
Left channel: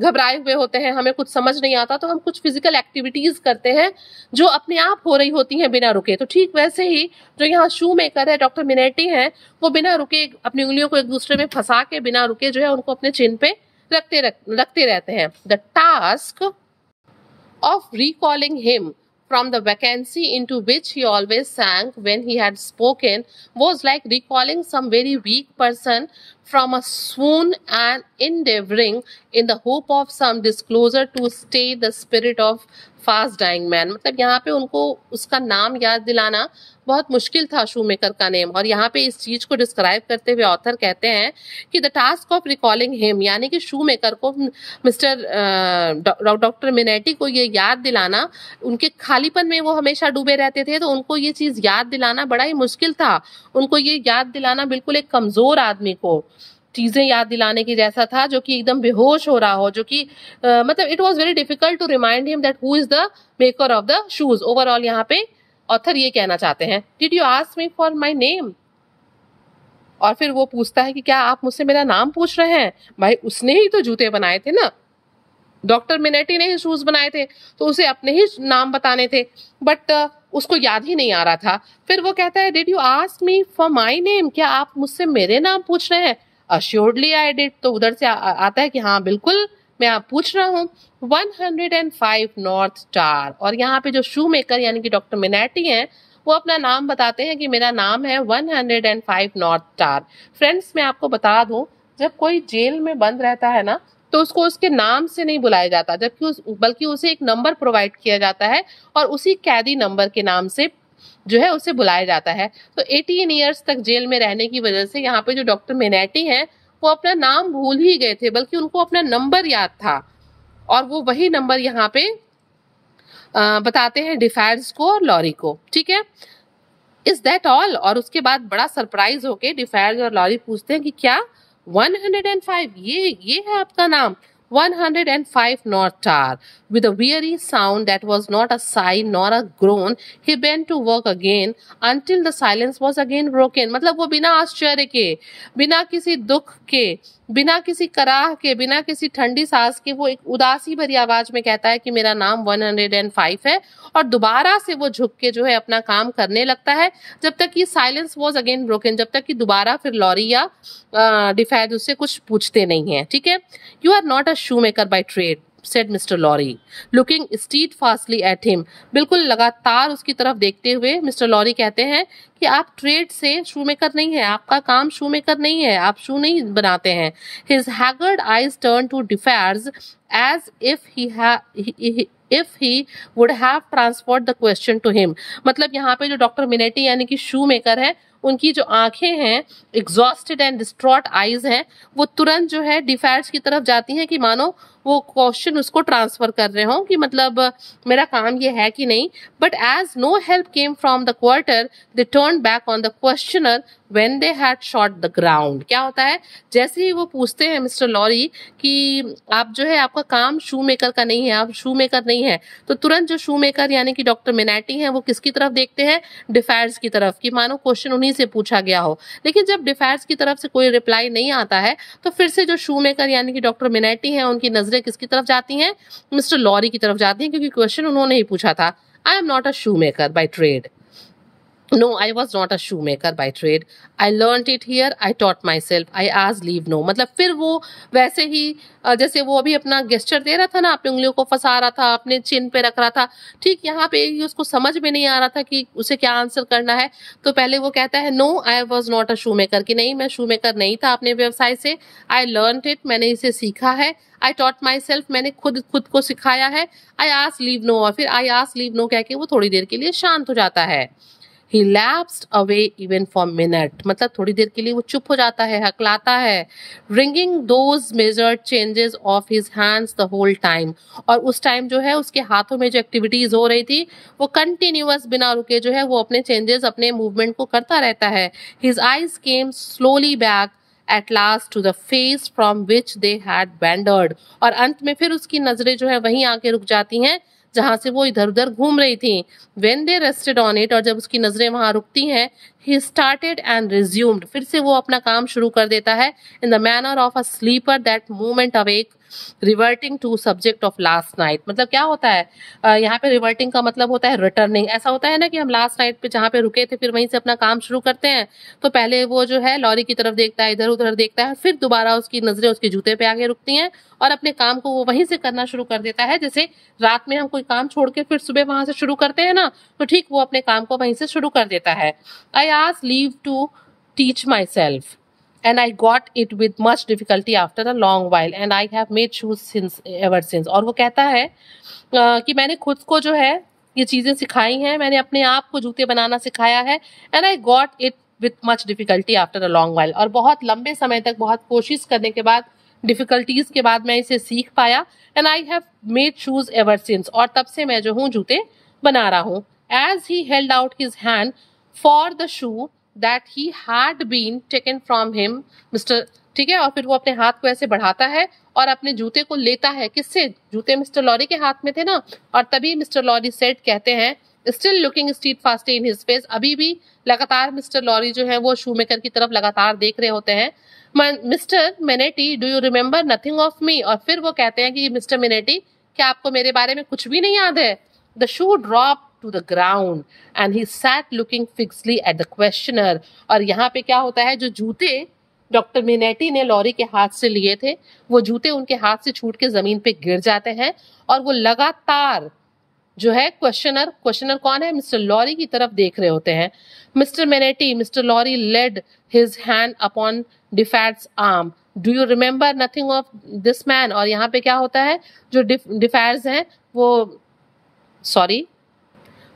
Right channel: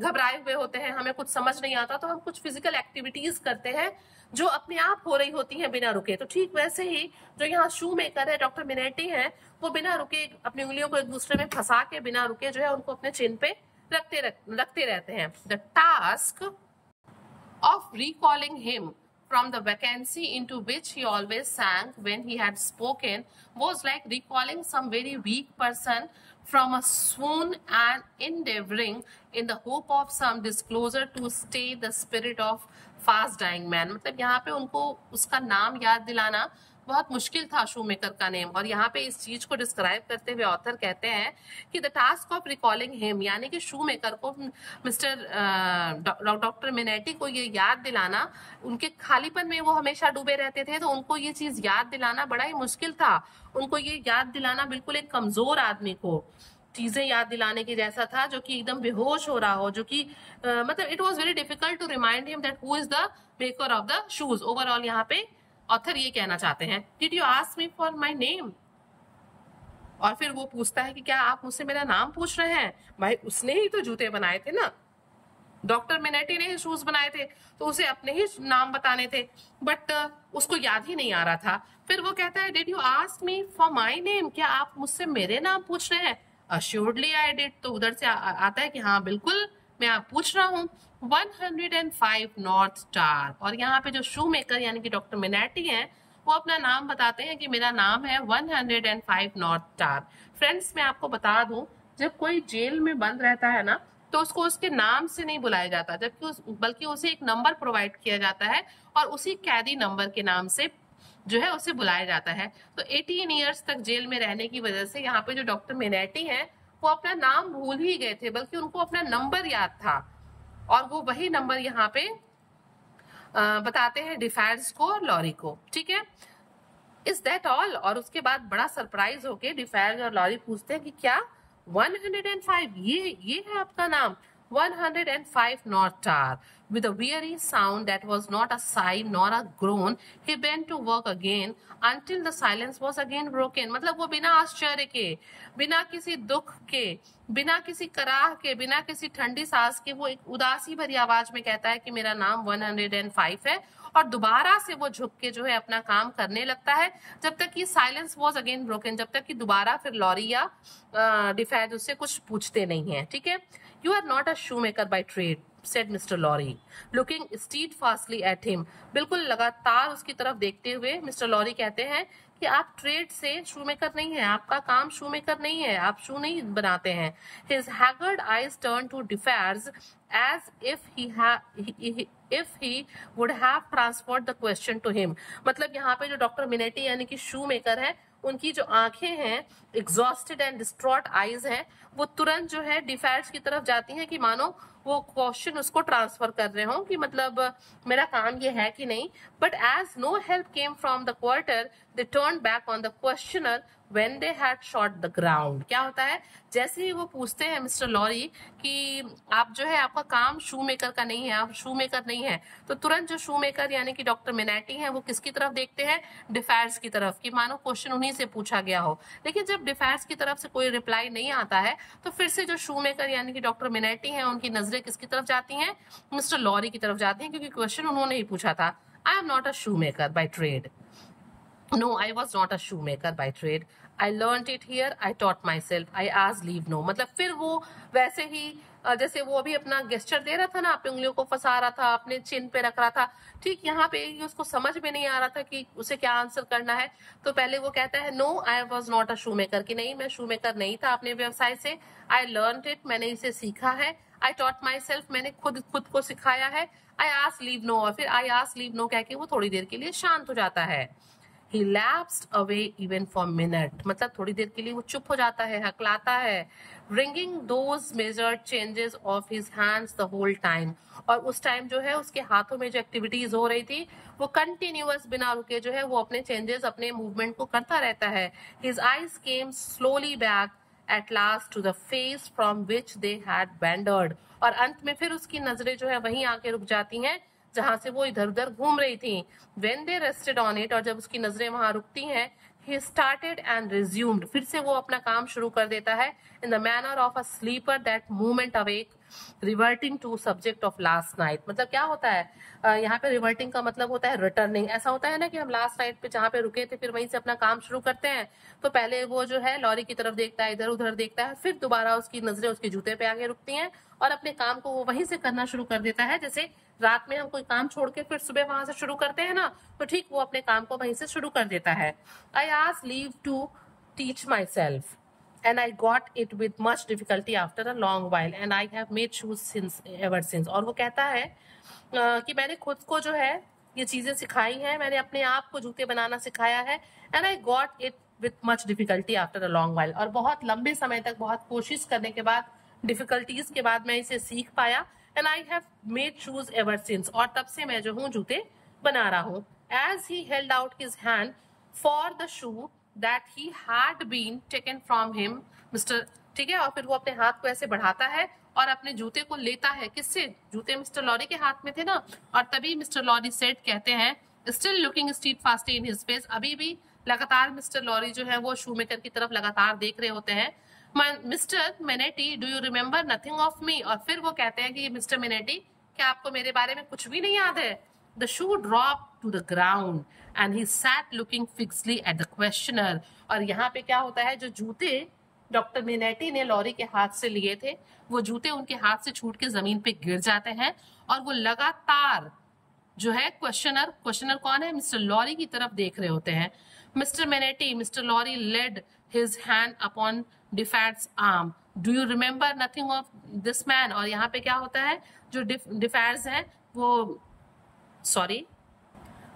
घबराए हुए होते हैं, हमें कुछ समझ नहीं आता, तो हम कुछ फिजिकल एक्टिविटीज करते हैं जो अपने आप हो रही होती हैं बिना रुके। तो ठीक वैसे ही जो यहाँ शू मेकर है, डॉक्टर मिनेटी है, वो बिना रुके अपनी उंगलियों को एक दूसरे में फंसा के बिना रुके जो है उनको अपने चिन पे रखते रहते हैं। The task of recalling him from the vacancy into which he always sank when he had spoken was like recalling some very weak person from a swoon and endeavoring in the hope of some disclosure to stay the spirit of fast dying man, मतलब यहाँ पे उनको उसका नाम याद दिलाना बहुत मुश्किल था, शूमेकर का नेम। और यहाँ पे इस चीज को डिस्क्राइब करते हुए ऑथर कहते हैं कि the task of recalling him, यानी कि शूमेकर को मिस्टर डॉक्टर मिनेटी को ये याद दिलाना, उनके खालीपन में वो हमेशा डूबे रहते थे, तो उनको ये चीज याद दिलाना बड़ा ही मुश्किल था। उनको ये याद दिलाना बिल्कुल एक कमजोर आदमी को चीजें याद दिलाने की जैसा था, जो कि एकदम बेहोश हो रहा हो, जो कि मतलब it was very difficult to remind him that who is the maker of the shoes. Overall यहाँ पे ऑथर ये कहना चाहते हैं, did you ask me for my name, और फिर वो पूछता है कि क्या आप मुझसे मेरा नाम पूछ रहे हैं? भाई उसने ही तो जूते बनाए थे ना, डॉक्टर मिनेटी ने ही शूज बनाए थे, तो उसे अपने ही नाम बताने थे, बट उसको याद ही नहीं आ रहा था। फिर वो कहता है, did you ask me for my name, क्या आप मुझसे मेरे नाम पूछ रहे हैं? अश्योर्डली आई डिड, तो उधर से आता है कि हाँ बिल्कुल मैं आप पूछ रहा हूँ। 105 नॉर्थ स्टार, और यहाँ पे जो शू मेकर यानी कि डॉक्टर मिनेटी हैं, वो अपना नाम बताते हैं कि मेरा नाम है 105 नॉर्थ स्टार। फ्रेंड्स, मैं आपको बता दूं, जब कोई जेल में बंद रहता है ना, तो उसको उसके नाम से नहीं बुलाया जाता, जबकि बल्कि उसे एक नंबर प्रोवाइड किया जाता है और उसी कैदी नंबर के नाम से जो है उसे बुलाया जाता है। तो 18 ईयर्स तक जेल में रहने की वजह से यहाँ पे जो डॉक्टर मिनेटी हैं, वो अपना नाम भूल ही गए थे, बल्कि उनको अपना नंबर याद था, और वो वही नंबर यहाँ पे बताते हैं डिफायर्स को और लॉरी को। ठीक है, इज दैट ऑल? और उसके बाद बड़ा सरप्राइज होके डिफायर्स और लॉरी पूछते हैं कि क्या 105 ये है आपका नाम? 105 North Star. With a weary sound that was not a sigh nor a groan, he bent to work again until the silence was again broken. मतलब वो बिना आश्चर्य के, बिना किसी दुख के, बिना किसी कराह के, बिना किसी ठंडी सांस के, वो एक उदासी भरी आवाज में कहता है कि मेरा नाम 105 है, और दोबारा से वो झुक के जो है अपना काम करने लगता है, जब तक कि साइलेंस वॉज अगेन ब्रोकन, जब तक कि दोबारा फिर लॉरी या डिफायर्स उससे कुछ पूछते नहीं है। ठीक है, you are not a shoemaker by trade, said Mr. Lorry, looking steadfastly at him. बिल्कुल लगातार उसकी तरफ देखते हुए मिस्टर लॉरी कहते हैं कि आप ट्रेड से शू मेकर नहीं है, आपका काम शू मेकर नहीं है, आप शू नहीं बनाते हैं। His haggard eyes turned to Defarge as if he would have transferred the question to him. मतलब यहाँ पे जो डॉक्टर मिनेटी यानी कि शू मेकर है, उनकी जो आंखें हैं, एग्जॉस्टेड एंड डिस्ट्रॉट आईज हैं, वो तुरंत जो है डिफायर्स की तरफ जाती हैं कि मानो वो क्वेश्चन उसको ट्रांसफर कर रहे हो कि मतलब मेरा काम ये है कि नहीं। But as no help came from the quarter, they turn back on the questioner when they had sought the ground. क्या होता है, जैसे ही वो पूछते हैं मिस्टर लॉरी कि आप जो है आपका काम शू मेकर का नहीं है, आप शू मेकर नहीं है, तो तुरंत जो शू मेकर यानी कि डॉक्टर मिनेटी हैं, वो किसकी तरफ देखते हैं? डिफायर्स की तरफ, कि मानो क्वेश्चन उन्हीं से पूछा गया हो। लेकिन जब डिफायर्स की तरफ से कोई रिप्लाई नहीं आता है, तो फिर से जो शू मेकर यानी कि डॉक्टर मिनेटी हैं, उनकी नजरें किसकी तरफ जाती हैं? मिस्टर लॉरी की तरफ जाती हैं, क्योंकि क्वेश्चन उन्होंने ही पूछा था। I am not a shoemaker by trade. No, I was not a shoemaker by trade. I learnt it here. I taught myself. I asked leave no. मतलब फिर वो वैसे ही जैसे वो अभी अपना गेस्चर दे रहा था ना, अपने उंगलियों को फंसा रहा था, अपने चिन पे रख रहा था, ठीक यहाँ पे उसको समझ में नहीं आ रहा था कि उसे क्या आंसर करना है। तो पहले वो कहता है no I was not a shoemaker, कि नहीं मैं शू मेकर नहीं था अपने व्यवसाय से। आई लर्न इट, मैंने इसे सीखा है। आई टॉट माई सेल्फ, मैंने खुद को सिखाया है। आई आस्क लीव नो, और फिर आई आस्क लीव नो कह के वो थोड़ी देर के लिए शांत हो जाता है। He lapsed away even for a minute, मतलब थोड़ी देर के लिए वो चुप हो जाता है, हकलाता है। Wringing those measured changes of his hands the whole time, और उस टाइम जो है उसके हाथों में जो एक्टिविटीज हो रही थी, वो कंटिन्यूअस बिना रुके जो है वो अपने चेंजेस, अपने मूवमेंट को करता रहता है। His eyes came slowly back at last to the face from which they had wandered, और अंत में फिर उसकी नजरें जो है वहीं आके रुक जाती हैं जहां से वो इधर उधर घूम रही थी। When they rested on it, और जब उसकी नजरें वहां रुकती हैं, he started and resumed, फिर से वो अपना काम शुरू कर देता है। In the manner of a sleeper that moment awake, reverting to subject of last night. मतलब क्या होता है यहाँ पे रिवर्टिंग का मतलब होता है रिटर्निंग। ऐसा होता है ना कि हम लास्ट नाइट पे जहाँ पे रुके थे फिर वहीं से अपना काम शुरू करते हैं। तो पहले वो जो है लॉरी की तरफ देखता है, इधर उधर देखता है, फिर दोबारा उसकी नजरें उसके जूते पे आगे रुकती हैं और अपने काम को वो वहीं से करना शुरू कर देता है। जैसे रात में हम कोई काम छोड़ के फिर सुबह वहां से शुरू करते हैं ना, तो ठीक वो अपने काम को वहीं से शुरू कर देता है। I ask leave to teach myself, and I got it with much difficulty after a long while and I have made shoes since ever since। और वो कहता है कि मैंने खुद को जो है ये चीज़ें सिखाई हैं, मैंने अपने आप को जूते बनाना सिखाया है, and I got it with much difficulty after a long while, और बहुत लंबे समय तक बहुत कोशिश करने के बाद, डिफिकल्टीज के बाद मैं इसे सीख पाया, and I have made shoes ever since, और तब से मैं जो हूँ जूते बना रहा हूँ। As he held out his hand for the shoe that he had been taken from him, mister, ठीक है, और फिर वो अपने हाथ को ऐसे बढ़ाता है और अपने जूते को लेता है। किससे? जूते मिस्टर लॉरी के हाथ में थे ना। और तभी मिस्टर लॉरी सेड, कहते हैं, still looking steadfastly in his face, अभी भी लगातार मिस्टर लॉरी जो है वो शूमेकर की तरफ लगातार देख रहे होते हैं। Mister Manette, do you remember nothing of me, और फिर वो कहते हैं कि मिस्टर मेनेटी, क्या आपको मेरे बारे में कुछ भी नहीं याद है? The shoe drop to the ground and he sat looking fixedly at the questioner। और यहाँ पे क्या होता है, जो जूते डॉक्टर मिनेटी ने लॉरी के हाथ से लिए थे, वो जूते उनके हाथ से छूट के जमीन पे गिर जाते हैं और वो लगातार जो है क्वेश्चनर कौन है? मिस्टर लॉरी की तरफ देख रहे होते हैं। Mister Manette, mister Lorry laid his hand upon Defarge's arm, do you remember nothing of this man. और यहाँ पे क्या होता है, जो डिफैट्स हैं वो, सॉरी,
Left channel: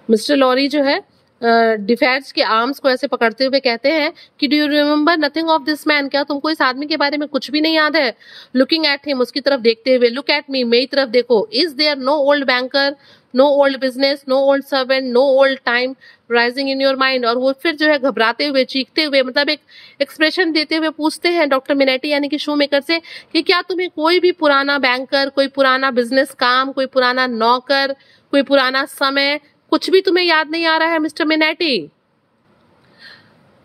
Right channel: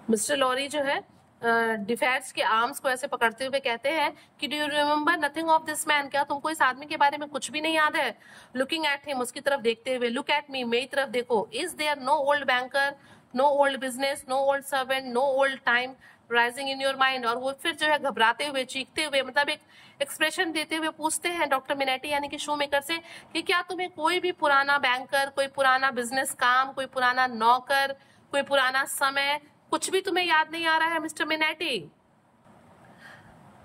मिस्टर लॉरी जो है डिफेंस के आर्म्स को ऐसे पकड़ते हुए कहते हैं कि do you remember nothing of this man, क्या तुमको इस आदमी के बारे में कुछ भी नहीं याद है? लुकिंग एट हिम, उसकी तरफ देखते हुए, लुक एट मी, मेरी तरफ देखो, is there no old banker, no old business, no old servant, no old time rising in your mind. और वो फिर जो है घबराते हुए, चीखते हुए, मतलब एक एक्सप्रेशन देते हुए पूछते हैं डॉक्टर मिनेटी यानी कि शूमेकर से कि क्या तुम्हें कोई भी पुराना बैंकर, कोई पुराना बिजनेस काम, कोई पुराना नौकर, कोई पुराना समय, कुछ भी तुम्हें याद नहीं आ रहा है mister मिनेटी?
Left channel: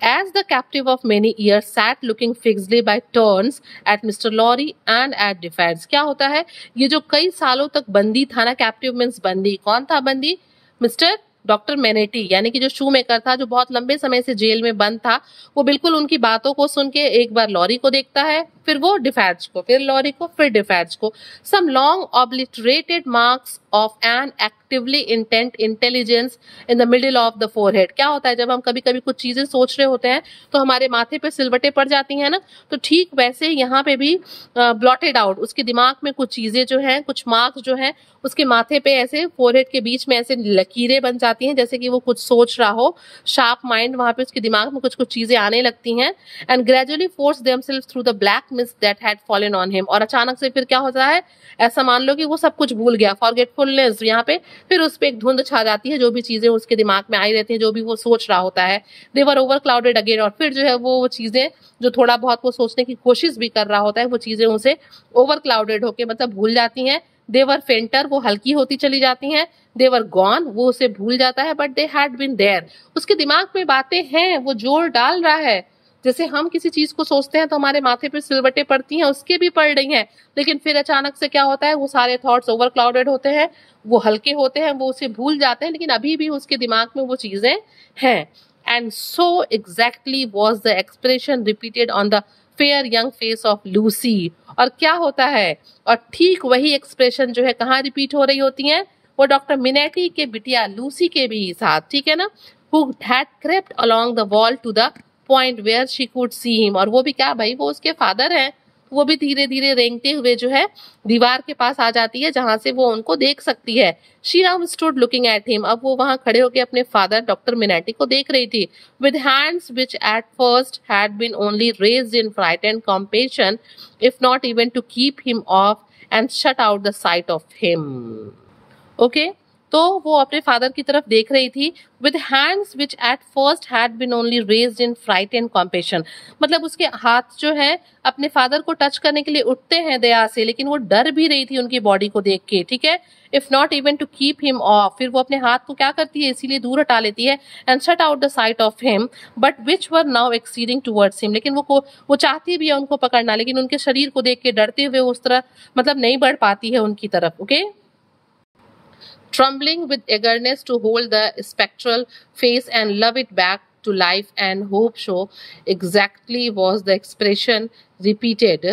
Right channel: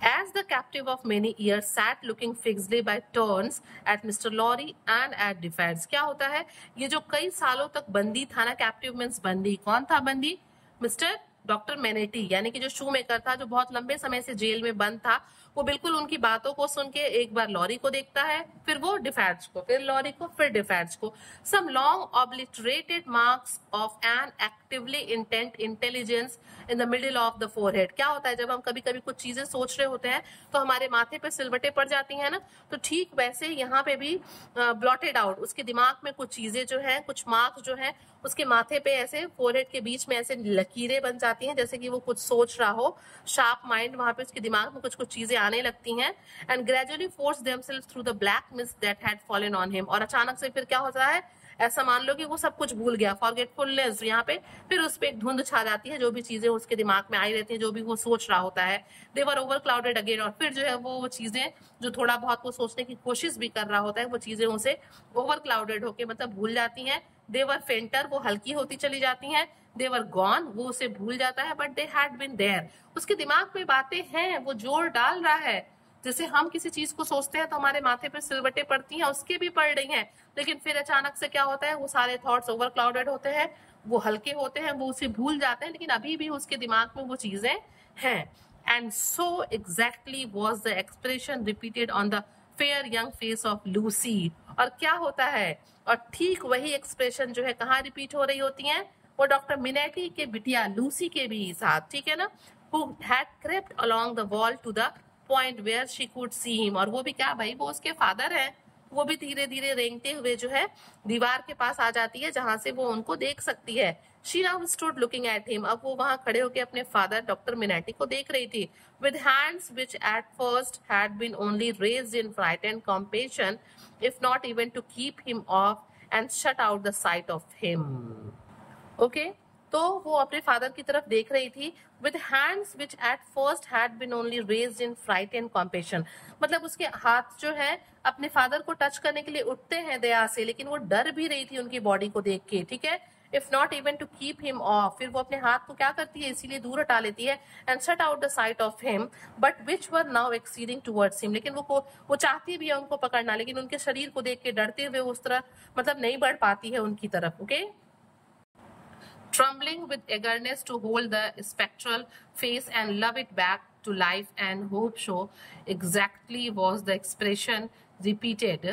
As the captive of many years sat looking fixedly by turns at Mr. Lorry and at Defiance। क्या होता है, ये जो कई सालों तक बंदी था ना, कैप्टिव मीन्स बंदी, कौन था बंदी? मिस्टर डॉक्टर मेनेटी यानी कि जो शूमेकर था, जो बहुत लंबे समय से जेल में बंद था, वो बिल्कुल उनकी बातों को सुन के एक बार लॉरी को देखता है, फिर वो डिफैच को, फिर लॉरी को, फिर डिफैच को। Some long obliterated marks of an actively intent intelligence in the middle of the forehead. क्या होता है, जब हम कभी कभी कुछ चीजें सोच रहे होते हैं तो हमारे माथे पे सिलवटें पड़ जाती हैं ना, तो ठीक वैसे यहाँ पे भी ब्लॉटेड आउट, उसके दिमाग में कुछ चीजें जो हैं, कुछ मार्क्स जो हैं उसके माथे पे ऐसे फोरहेड के बीच में ऐसे लकीरें बन जाती हैं, जैसे कि वो कुछ सोच रहा हो। शार्प माइंड, वहां पे उसके दिमाग में कुछ कुछ चीजें आने लगती हैं। And gradually force themselves through the black mist that had fallen on him. और अचानक से फिर क्या होता है, ऐसा मान लो कि वो सब कुछ भूल गया, फॉरगेटफुलनेस, यहाँ पे फिर उस पर एक धुंध छा जाती है, जो भी चीजें उसके दिमाग में आई रहती है, जो भी वो सोच रहा होता है। दे वर ओवर क्लाउडेड अगेन, और फिर जो है वो चीजें जो थोड़ा बहुत वो सोचने की कोशिश भी कर रहा होता है, वो चीजें उसे ओवर क्लाउडेड होके मतलब भूल जाती हैं। देवर फेंटर, वो हल्की होती चली जाती हैं। देवर गॉन, वो उसे भूल जाता है। But they had been there, उसके दिमाग में बातें हैं, वो जोर डाल रहा है। जैसे हम किसी चीज को सोचते हैं तो हमारे माथे पे सिलवटें पड़ती हैं, उसके भी पड़ रही हैं, लेकिन फिर अचानक से क्या होता है, वो सारे थॉट्स ओवर क्लाउडेड होते हैं, वो हल्के होते हैं, वो उसे भूल जाते हैं, लेकिन अभी भी उसके दिमाग में वो चीजें हैं। And so exactly was the expression repeated on the fair young face of Lucy. और क्या होता है, और ठीक वही एक्सप्रेशन जो है कहाँ रिपीट हो रही होती हैं, वो डॉक्टर मिनेटी के बिटिया लूसी के भी साथ, ठीक है ना, who had crept along the wall to the point where she could see him। और वो भी क्या भाई, वो उसके फादर हैं, वो भी धीरे धीरे रेंगते हुए जो है दीवार के पास आ जाती है, जहां से वो उनको देख सकती है। She now stood looking at him, अब वो वहां खड़े होकर अपने फादर डॉक्टर मिनेटी को देख रही थी। With hands which at first had been only raised in frightened compassion, if not even to keep him off and shut out the sight of him। Okay? तो वो अपने फादर की तरफ देख रही थी। With hands which at first had been only raised in fright and compassion, मतलब उसके हाथ जो है अपने फादर को टच करने के लिए उठते हैं दया से, लेकिन वो डर भी रही थी उनकी बॉडी को देख के, ठीक है। If not even to keep him off, फिर वो अपने हाथ को क्या करती है, इसीलिए दूर हटा लेती है। And shut out the site of him but which were now exceeding towards him, लेकिन वो चाहती भी है उनको पकड़ना, लेकिन उनके शरीर को देख के डरते हुए उस तरह मतलब नहीं बढ़ पाती है उनकी तरफ। Okay, trembling with eagerness to hold the spectral face and love it back to life and hope, so exactly was the expression repeated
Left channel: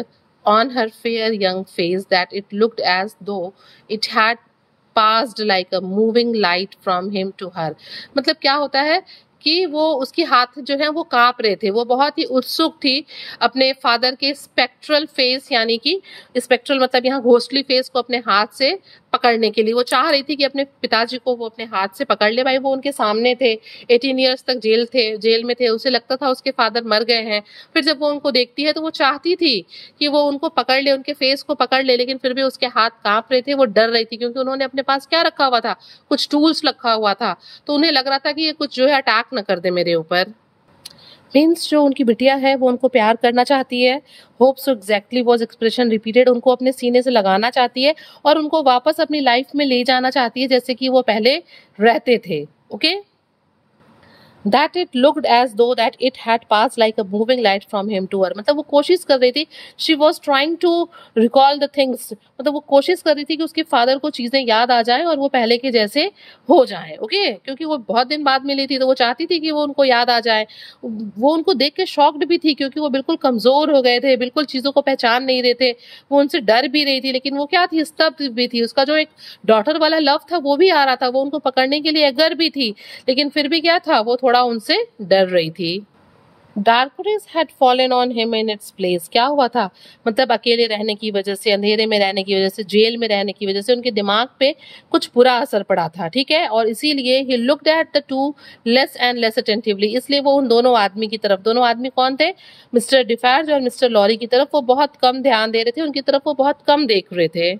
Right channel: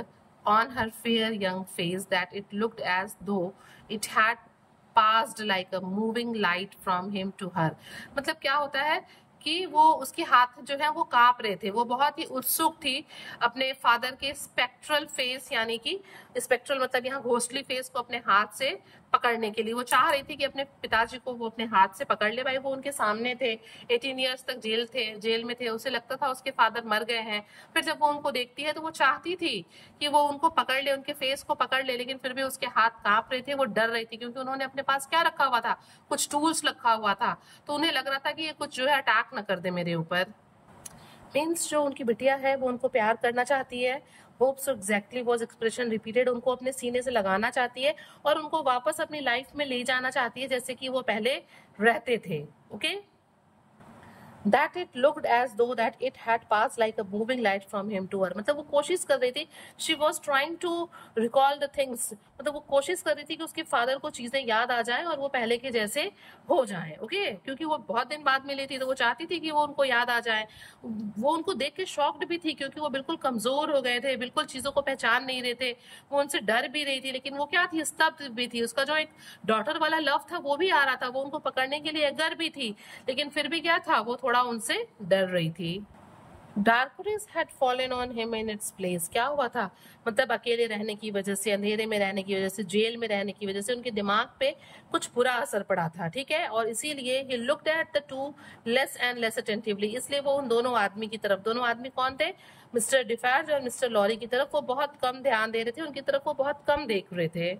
on her fair young face that it looked as though it had passed like a moving light from him to her। मतलब क्या होता है कि वो उसके हाथ जो है वो कांप रहे थे, वो बहुत ही उत्सुक थी अपने फादर के स्पेक्ट्रल फेस, यानी कि स्पेक्ट्रल मतलब यहाँ घोस्टली फेस को अपने हाथ से पकड़ने के लिए। वो चाह रही थी कि अपने पिताजी को वो अपने हाथ से पकड़ ले। भाई वो उनके सामने थे, 18 ईयर्स तक जेल में थे, उसे लगता था उसके फादर मर गए हैं। फिर जब वो उनको देखती है तो वो चाहती थी कि वो उनको पकड़ ले, उनके फेस को पकड़ ले, लेकिन फिर भी उसके हाथ कांप रहे थे, वो डर रही थी क्योंकि उन्होंने अपने पास क्या रखा हुआ था, कुछ टूल्स रखा हुआ था, तो उन्हें लग रहा था कि ये कुछ जो है अटैक न कर दे मेरे ऊपर। मीन्स जो उनकी बिटिया है वो उनको प्यार करना चाहती है। Hopes exactly was expression repeated, उनको अपने सीने से लगाना चाहती है और उनको वापस अपनी लाइफ में ले जाना चाहती है जैसे कि वो पहले रहते थे। Okay, that it looked as though that it had passed like a moving light from him to her, मतलब वो कोशिश कर रही थी, she was trying to recall the things, मतलब वो कोशिश कर रही थी कि उसके फादर को चीजें याद आ जाएं और वो पहले के जैसे हो जाएं। ओके, क्योंकि वो बहुत दिन बाद मिली थी तो वो चाहती थी कि वो उनको याद आ जाए। वो उनको देख के शॉक्ड भी थी क्योंकि वो बिल्कुल कमजोर हो गए थे, बिल्कुल चीजों को पहचान नहीं रहे थे, वो उनसे डर भी रही थी, लेकिन वो क्या थी, स्तब्ध भी थी। उसका जो एक डॉटर वाला लव था वो भी आ रहा था, वो उनको पकड़ने के लिए अगर भी थी, लेकिन फिर भी क्या था, वो थोड़ा उनसे डर रही थी। Darkness had fallen on him in its place, क्या हुआ था, मतलब अकेले रहने की वजह से, अंधेरे में रहने की वजह से, जेल में रहने की वजह से उनके दिमाग पे कुछ बुरा असर पड़ा था। ठीक है, और इसीलिए he looked at the two less and less attentively, इसलिए वो उन दोनों आदमी की तरफ, दोनों आदमी कौन थे, मिस्टर डिफार्ज और मिस्टर लॉरी की तरफ वो बहुत कम ध्यान दे रहे थे, उनकी तरफ वो बहुत कम देख रहे थे।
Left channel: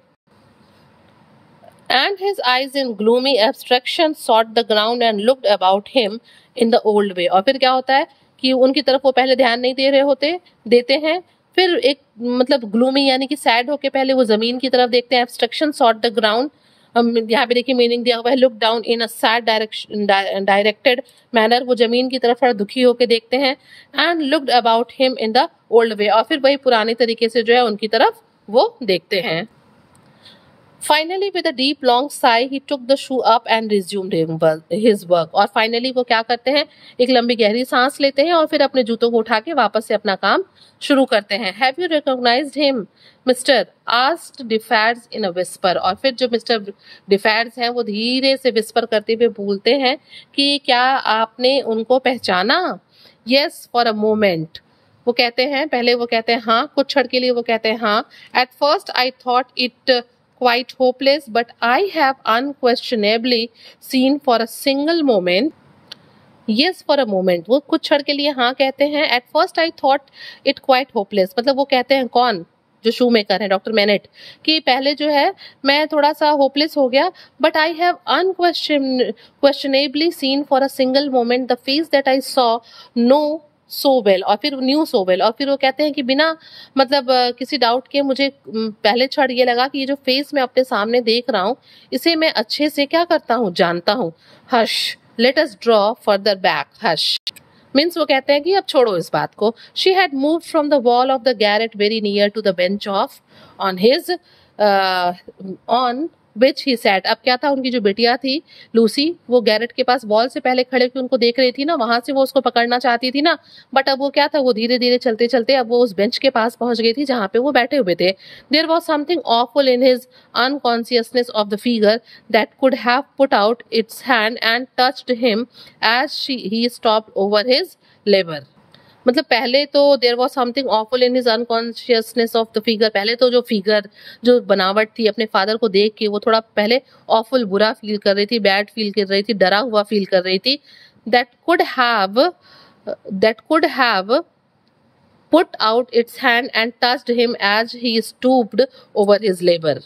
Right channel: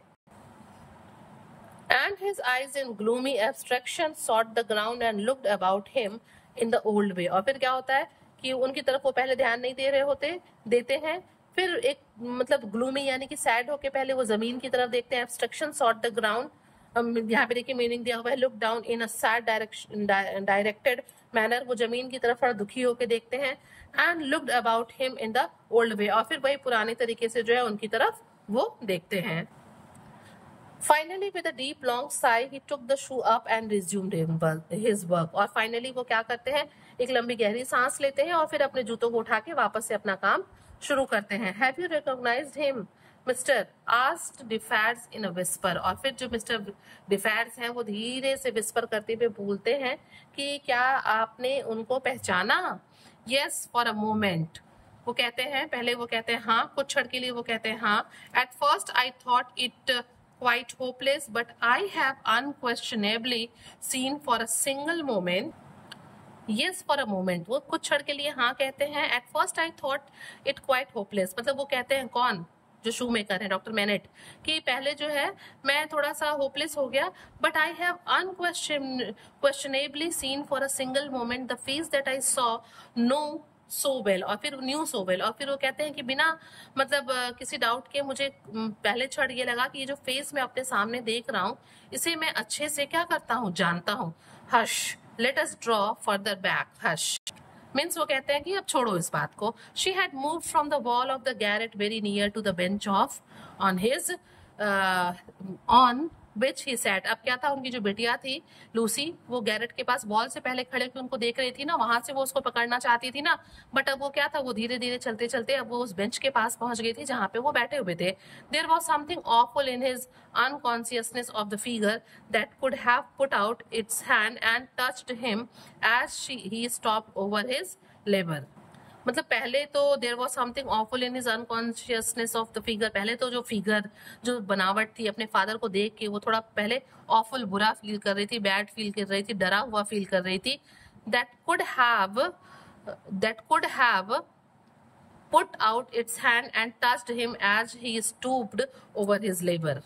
And his eyes in gloomy abstraction sought the ground and looked about him in the old way, और फिर क्या होता है कि उनकी तरफ वो पहले ध्यान नहीं दे रहे देते हैं, फिर एक मतलब ग्लूमी यानी कि सैड होके पहले वो जमीन की तरफ देखते हैं। एब्स्ट्रक्शन सॉट द ग्राउंड, यहाँ पे देखिए मीनिंग दिया हुआ है, look down in a sad directed manner, वो जमीन की तरफ थोड़ा दुखी होके देखते हैं। And looked about him in the old way, और फिर वही पुराने तरीके से जो है उनकी तरफ वो देखते हैं। Finally, with a deep long sigh, he took the shoe up and resumed his work. और finally वो क्या करते हैं, एक लंबी गहरी सांस लेते हैं और फिर अपने जूतों को उठा के वापस से अपना काम शुरू करते हैं। Have you recognized him, Mr. asked Defarge in a whisper. और फिर जो मिस्टर डिफार्ज हैं वो धीरे से विस्पर करते हुए बोलते हैं कि क्या आपने उनको पहचाना? Yes, for a moment. वो कहते हैं, पहले वो कहते हैं हाँ, कुछ क्षण के लिए वो कहते हैं हाँ। At first I thought it quite hopeless, but I have unquestionably seen for a single moment, yes for a moment, वो कुछ क्षण के लिए हाँ कहते हैं। At first I thought it quite hopeless, मतलब वो कहते हैं कौन, जो शू मेकर है डॉक्टर मैनेट, कि पहले जो है मैं थोड़ा सा होपलेस हो गया, but I have unquestionably seen for a single moment the face that I saw know so well, और फिर न्यू सो वेल, और फिर वो कहते हैं कि बिना मतलब किसी डाउट के मुझे पहले क्षण ये लगा कि ये जो फेस मैं अपने सामने देख रहा हूँ इसे मैं अच्छे से क्या करता हूँ, जानता हूँ। Hush, let us draw further back, hush means वो कहते हैं कि अब छोड़ो इस बात को। She had move from the wall of the garret very near to the bench of on his on which he sat. अब क्या था, उनकी जो बिटिया थी लूसी, वो गैरेट के पास वॉल से पहले खड़े होकर उनको देख रही थी ना, वहां से वो उसको पकड़ना चाहती थी ना, बट अब वो क्या था, वो धीरे धीरे चलते चलते अब वो उस बेंच के पास पहुंच गई थी जहां पे वो बैठे हुए थे। There was something awful in his unconsciousness of the figure that could have put out its hand and touched him as he stopped over his labour. मतलब पहले तो there was something awful in his unconsciousness of the figure, पहले तो जो फिगर, जो बनावट थी अपने फादर को देख के वो थोड़ा पहले ऑफुल, बुरा फील कर रही थी, बैड फील कर रही थी, डरा हुआ फील कर रही थी। That could have put out its hand and touched him as he stooped over his labour.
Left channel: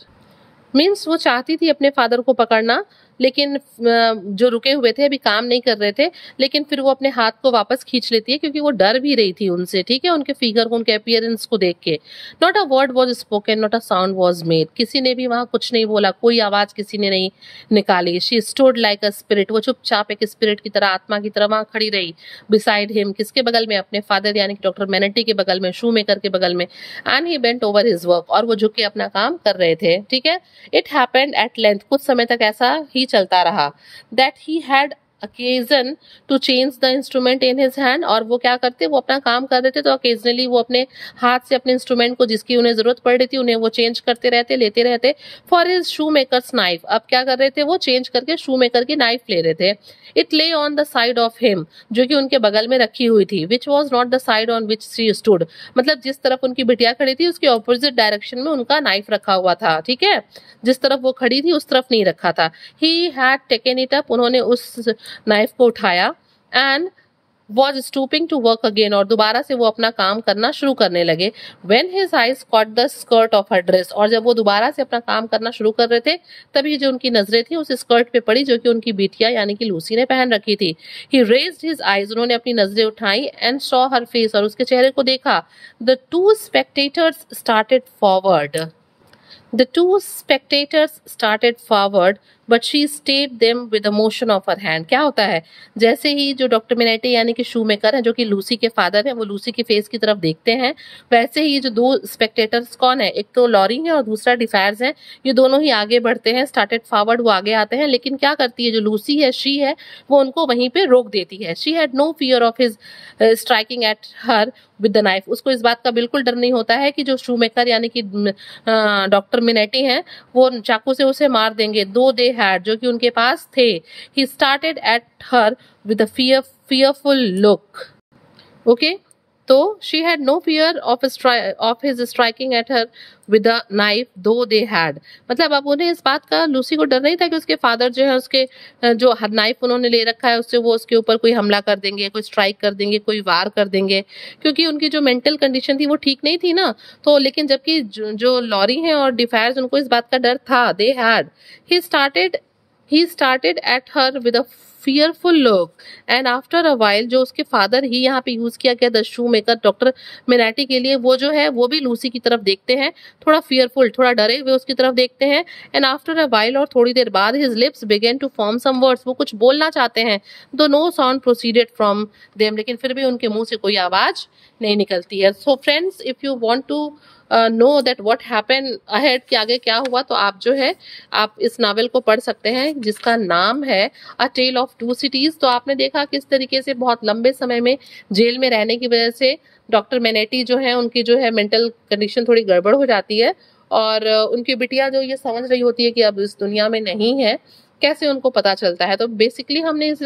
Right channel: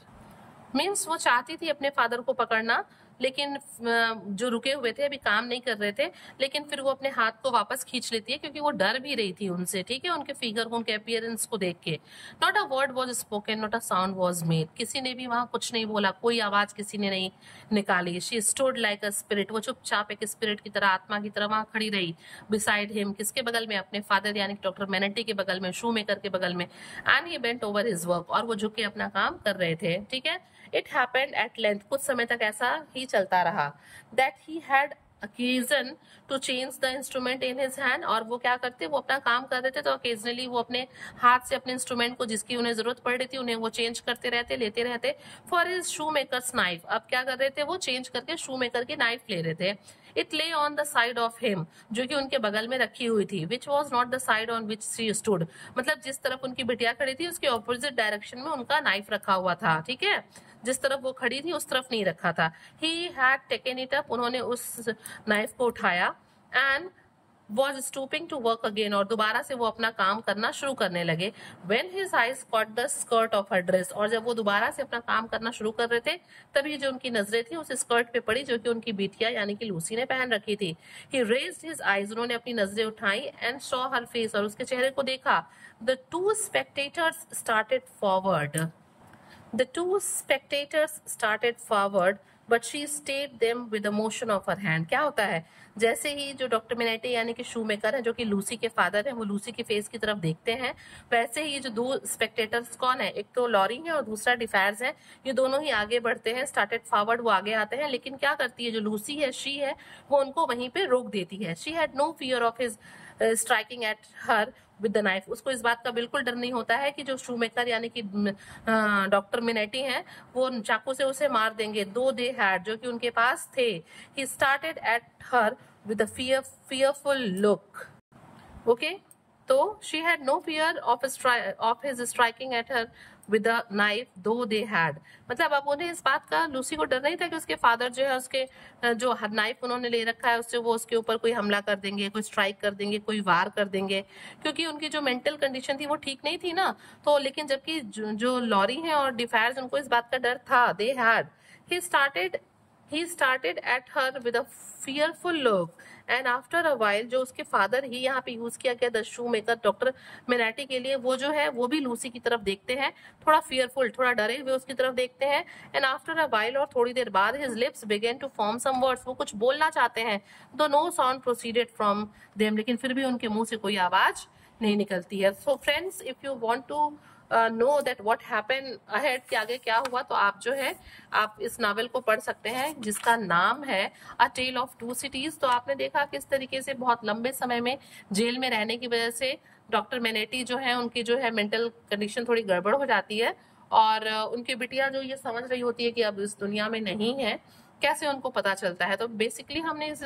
Means वो चाहती थी अपने फादर को पकड़ना, लेकिन जो रुके हुए थे, अभी काम नहीं कर रहे थे, लेकिन फिर वो अपने हाथ को वापस खींच लेती है क्योंकि वो डर भी रही थी उनसे, ठीक है, उनके फिगर को, उनके अपीयरेंस को देख के। Not a word was spoken, not a sound was made, किसी ने भी वहां कुछ नहीं बोला, कोई आवाज किसी ने नहीं निकाली। She stood like a spirit, वो चुपचाप एक स्पिरिट की तरह, आत्मा की तरह वहां खड़ी रही। बिसाइड हिम, किसके बगल में, अपने फादर यानी कि डॉक्टर मैनेटी के बगल में, शू मेकर के बगल में। And he bent over his work, और वो झुक के अपना काम कर रहे थे, ठीक है। इट हैपेंड एट लेंथ, कुछ समय तक ऐसा ही चलता रहा। That he had occasion to change the instrument in his hand, और वो क्या करते, वो अपना काम कर रहे थे तो occasionally वो अपने हाथ से अपने इंस्ट्रूमेंट को जिसकी उन्हें जरूरत पड़ रही थी उन्हें वो चेंज करते रहते, लेते रहते। For his shoe makers knife, अब क्या कर रहे थे, वो चेंज करके शू मेकर की नाइफ ले रहे थे। इट ले on the side of him, जो कि उनके बगल में रखी हुई थी, which was not the side on which she stood, मतलब जिस तरफ उनकी बिटिया खड़ी थी उसके ऑपोजिट डायरेक्शन में उनका नाइफ रखा हुआ था, ठीक है, जिस तरफ वो खड़ी थी उस तरफ नहीं रखा था। He had taken it up, उन्होंने उस नाइफ को उठाया, and was stooping to work again, और दोबारा से वो अपना काम करना शुरू करने लगे। When his eyes caught the skirt of her dress, और जब वो दोबारा से अपना काम करना शुरू कर रहे थे तभी जो उनकी नजरें थी उस स्कर्ट पे पड़ी जो कि उनकी बिटिया यानी कि लूसी ने पहन रखी थी। He raised his eyes, उन्होंने अपनी नजरें उठाई, and saw her face, और उसके चेहरे को देखा। The two spectators started forward. The two spectators started forward, but she stayed them with a motion of her hand. क्या होता है, जैसे ही जो डॉक्टर मिनेटी यानी कि शू मेकर है जो कि लूसी के फादर है, वो लूसी की फेस की तरफ देखते हैं, वैसे ही जो दो स्पेक्टेटर्स कौन है, एक तो लॉरी है और दूसरा डिफायर्स है, ये दोनों ही आगे बढ़ते हैं, स्टार्टेड फॉरवर्ड, वो आगे आते हैं, लेकिन क्या करती है जो लूसी है, शी है, वो उनको वहीं पे रोक देती है। She had no fear of his striking at her with the knife, उसको इस बात का बिल्कुल डर नहीं होता है कि जो शू मेकर यानी कि डॉक्टर मिनेटी हैं वो चाकू से उसे मार देंगे। दो दे हैड, जो कि उनके पास थे। He started at her with a fearful look. Okay, तो she had no fear of his striking at her with a knife, though they had, मतलब अब उन्हें इस बात का, लूसी को डर नहीं था कि उसके फादर जो है उसके जो नाइफ उन्होंने ले रखा है उससे वो उसके ऊपर कोई हमला कर देंगे, कोई स्ट्राइक कर देंगे, कोई वार कर देंगे, क्योंकि उनकी जो मेंटल कंडीशन थी वो ठीक नहीं थी ना। तो लेकिन जबकि जो लॉरी हैं और डिफायर्स, उनको इस बात का डर था। They had, he started at her with a fearful look, and after a while, जो उसके फादर ही यहाँ पे यूज किया गया द शू मेकर डॉक्टर मिनेटी के लिए, वो जो है वो भी लूसी की तरफ देखते हैं, थोड़ा fearful, थोड़ा डरे हुए उसकी तरफ देखते हैं। and after a while, और थोड़ी देर बाद, his lips began to form some words, वो कुछ बोलना चाहते हैं, though no sound proceeded from them, लेकिन फिर भी उनके मुंह से कोई आवाज नहीं निकलती है। so friends, if you want to know that what happen ahead, कि आगे क्या हुआ, तो आप जो है आप इस नावल को पढ़ सकते हैं जिसका नाम है अ टेल ऑफ टू सिटीज। तो आपने देखा किस तरीके से बहुत लंबे समय में जेल में रहने की वजह से डॉक्टर मिनेटी जो है उनकी जो है मेंटल कंडीशन थोड़ी गड़बड़ हो जाती है, और उनकी बिटिया जो ये समझ रही होती है कि अब इस दुनिया में नहीं है, कैसे उनको पता चलता है। तो बेसिकली हमने इस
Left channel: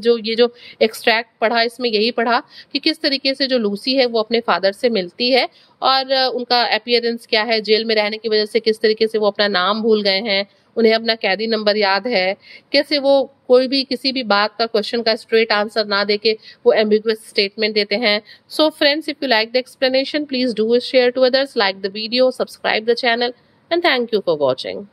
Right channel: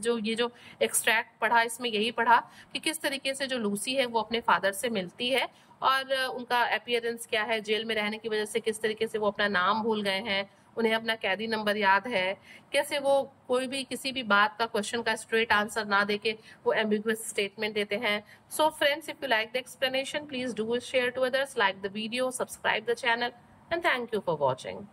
जो एक्सट्रैक्ट पढ़ा, इसमें यही पढ़ा कि किस तरीके से जो लूसी है वो अपने फादर से मिलती है, और उनका अपीयरेंस क्या है, जेल में रहने की वजह से किस तरीके से वो अपना नाम भूल गए हैं, उन्हें अपना कैदी नंबर याद है, कैसे वो कोई भी किसी भी बात का क्वेश्चन का स्ट्रेट आंसर ना देके वो एम्बिगुअस स्टेटमेंट देते हैं। So friends, if you like the explanation, please do share to others, like the video, subscribe the channel, and thank you for watching.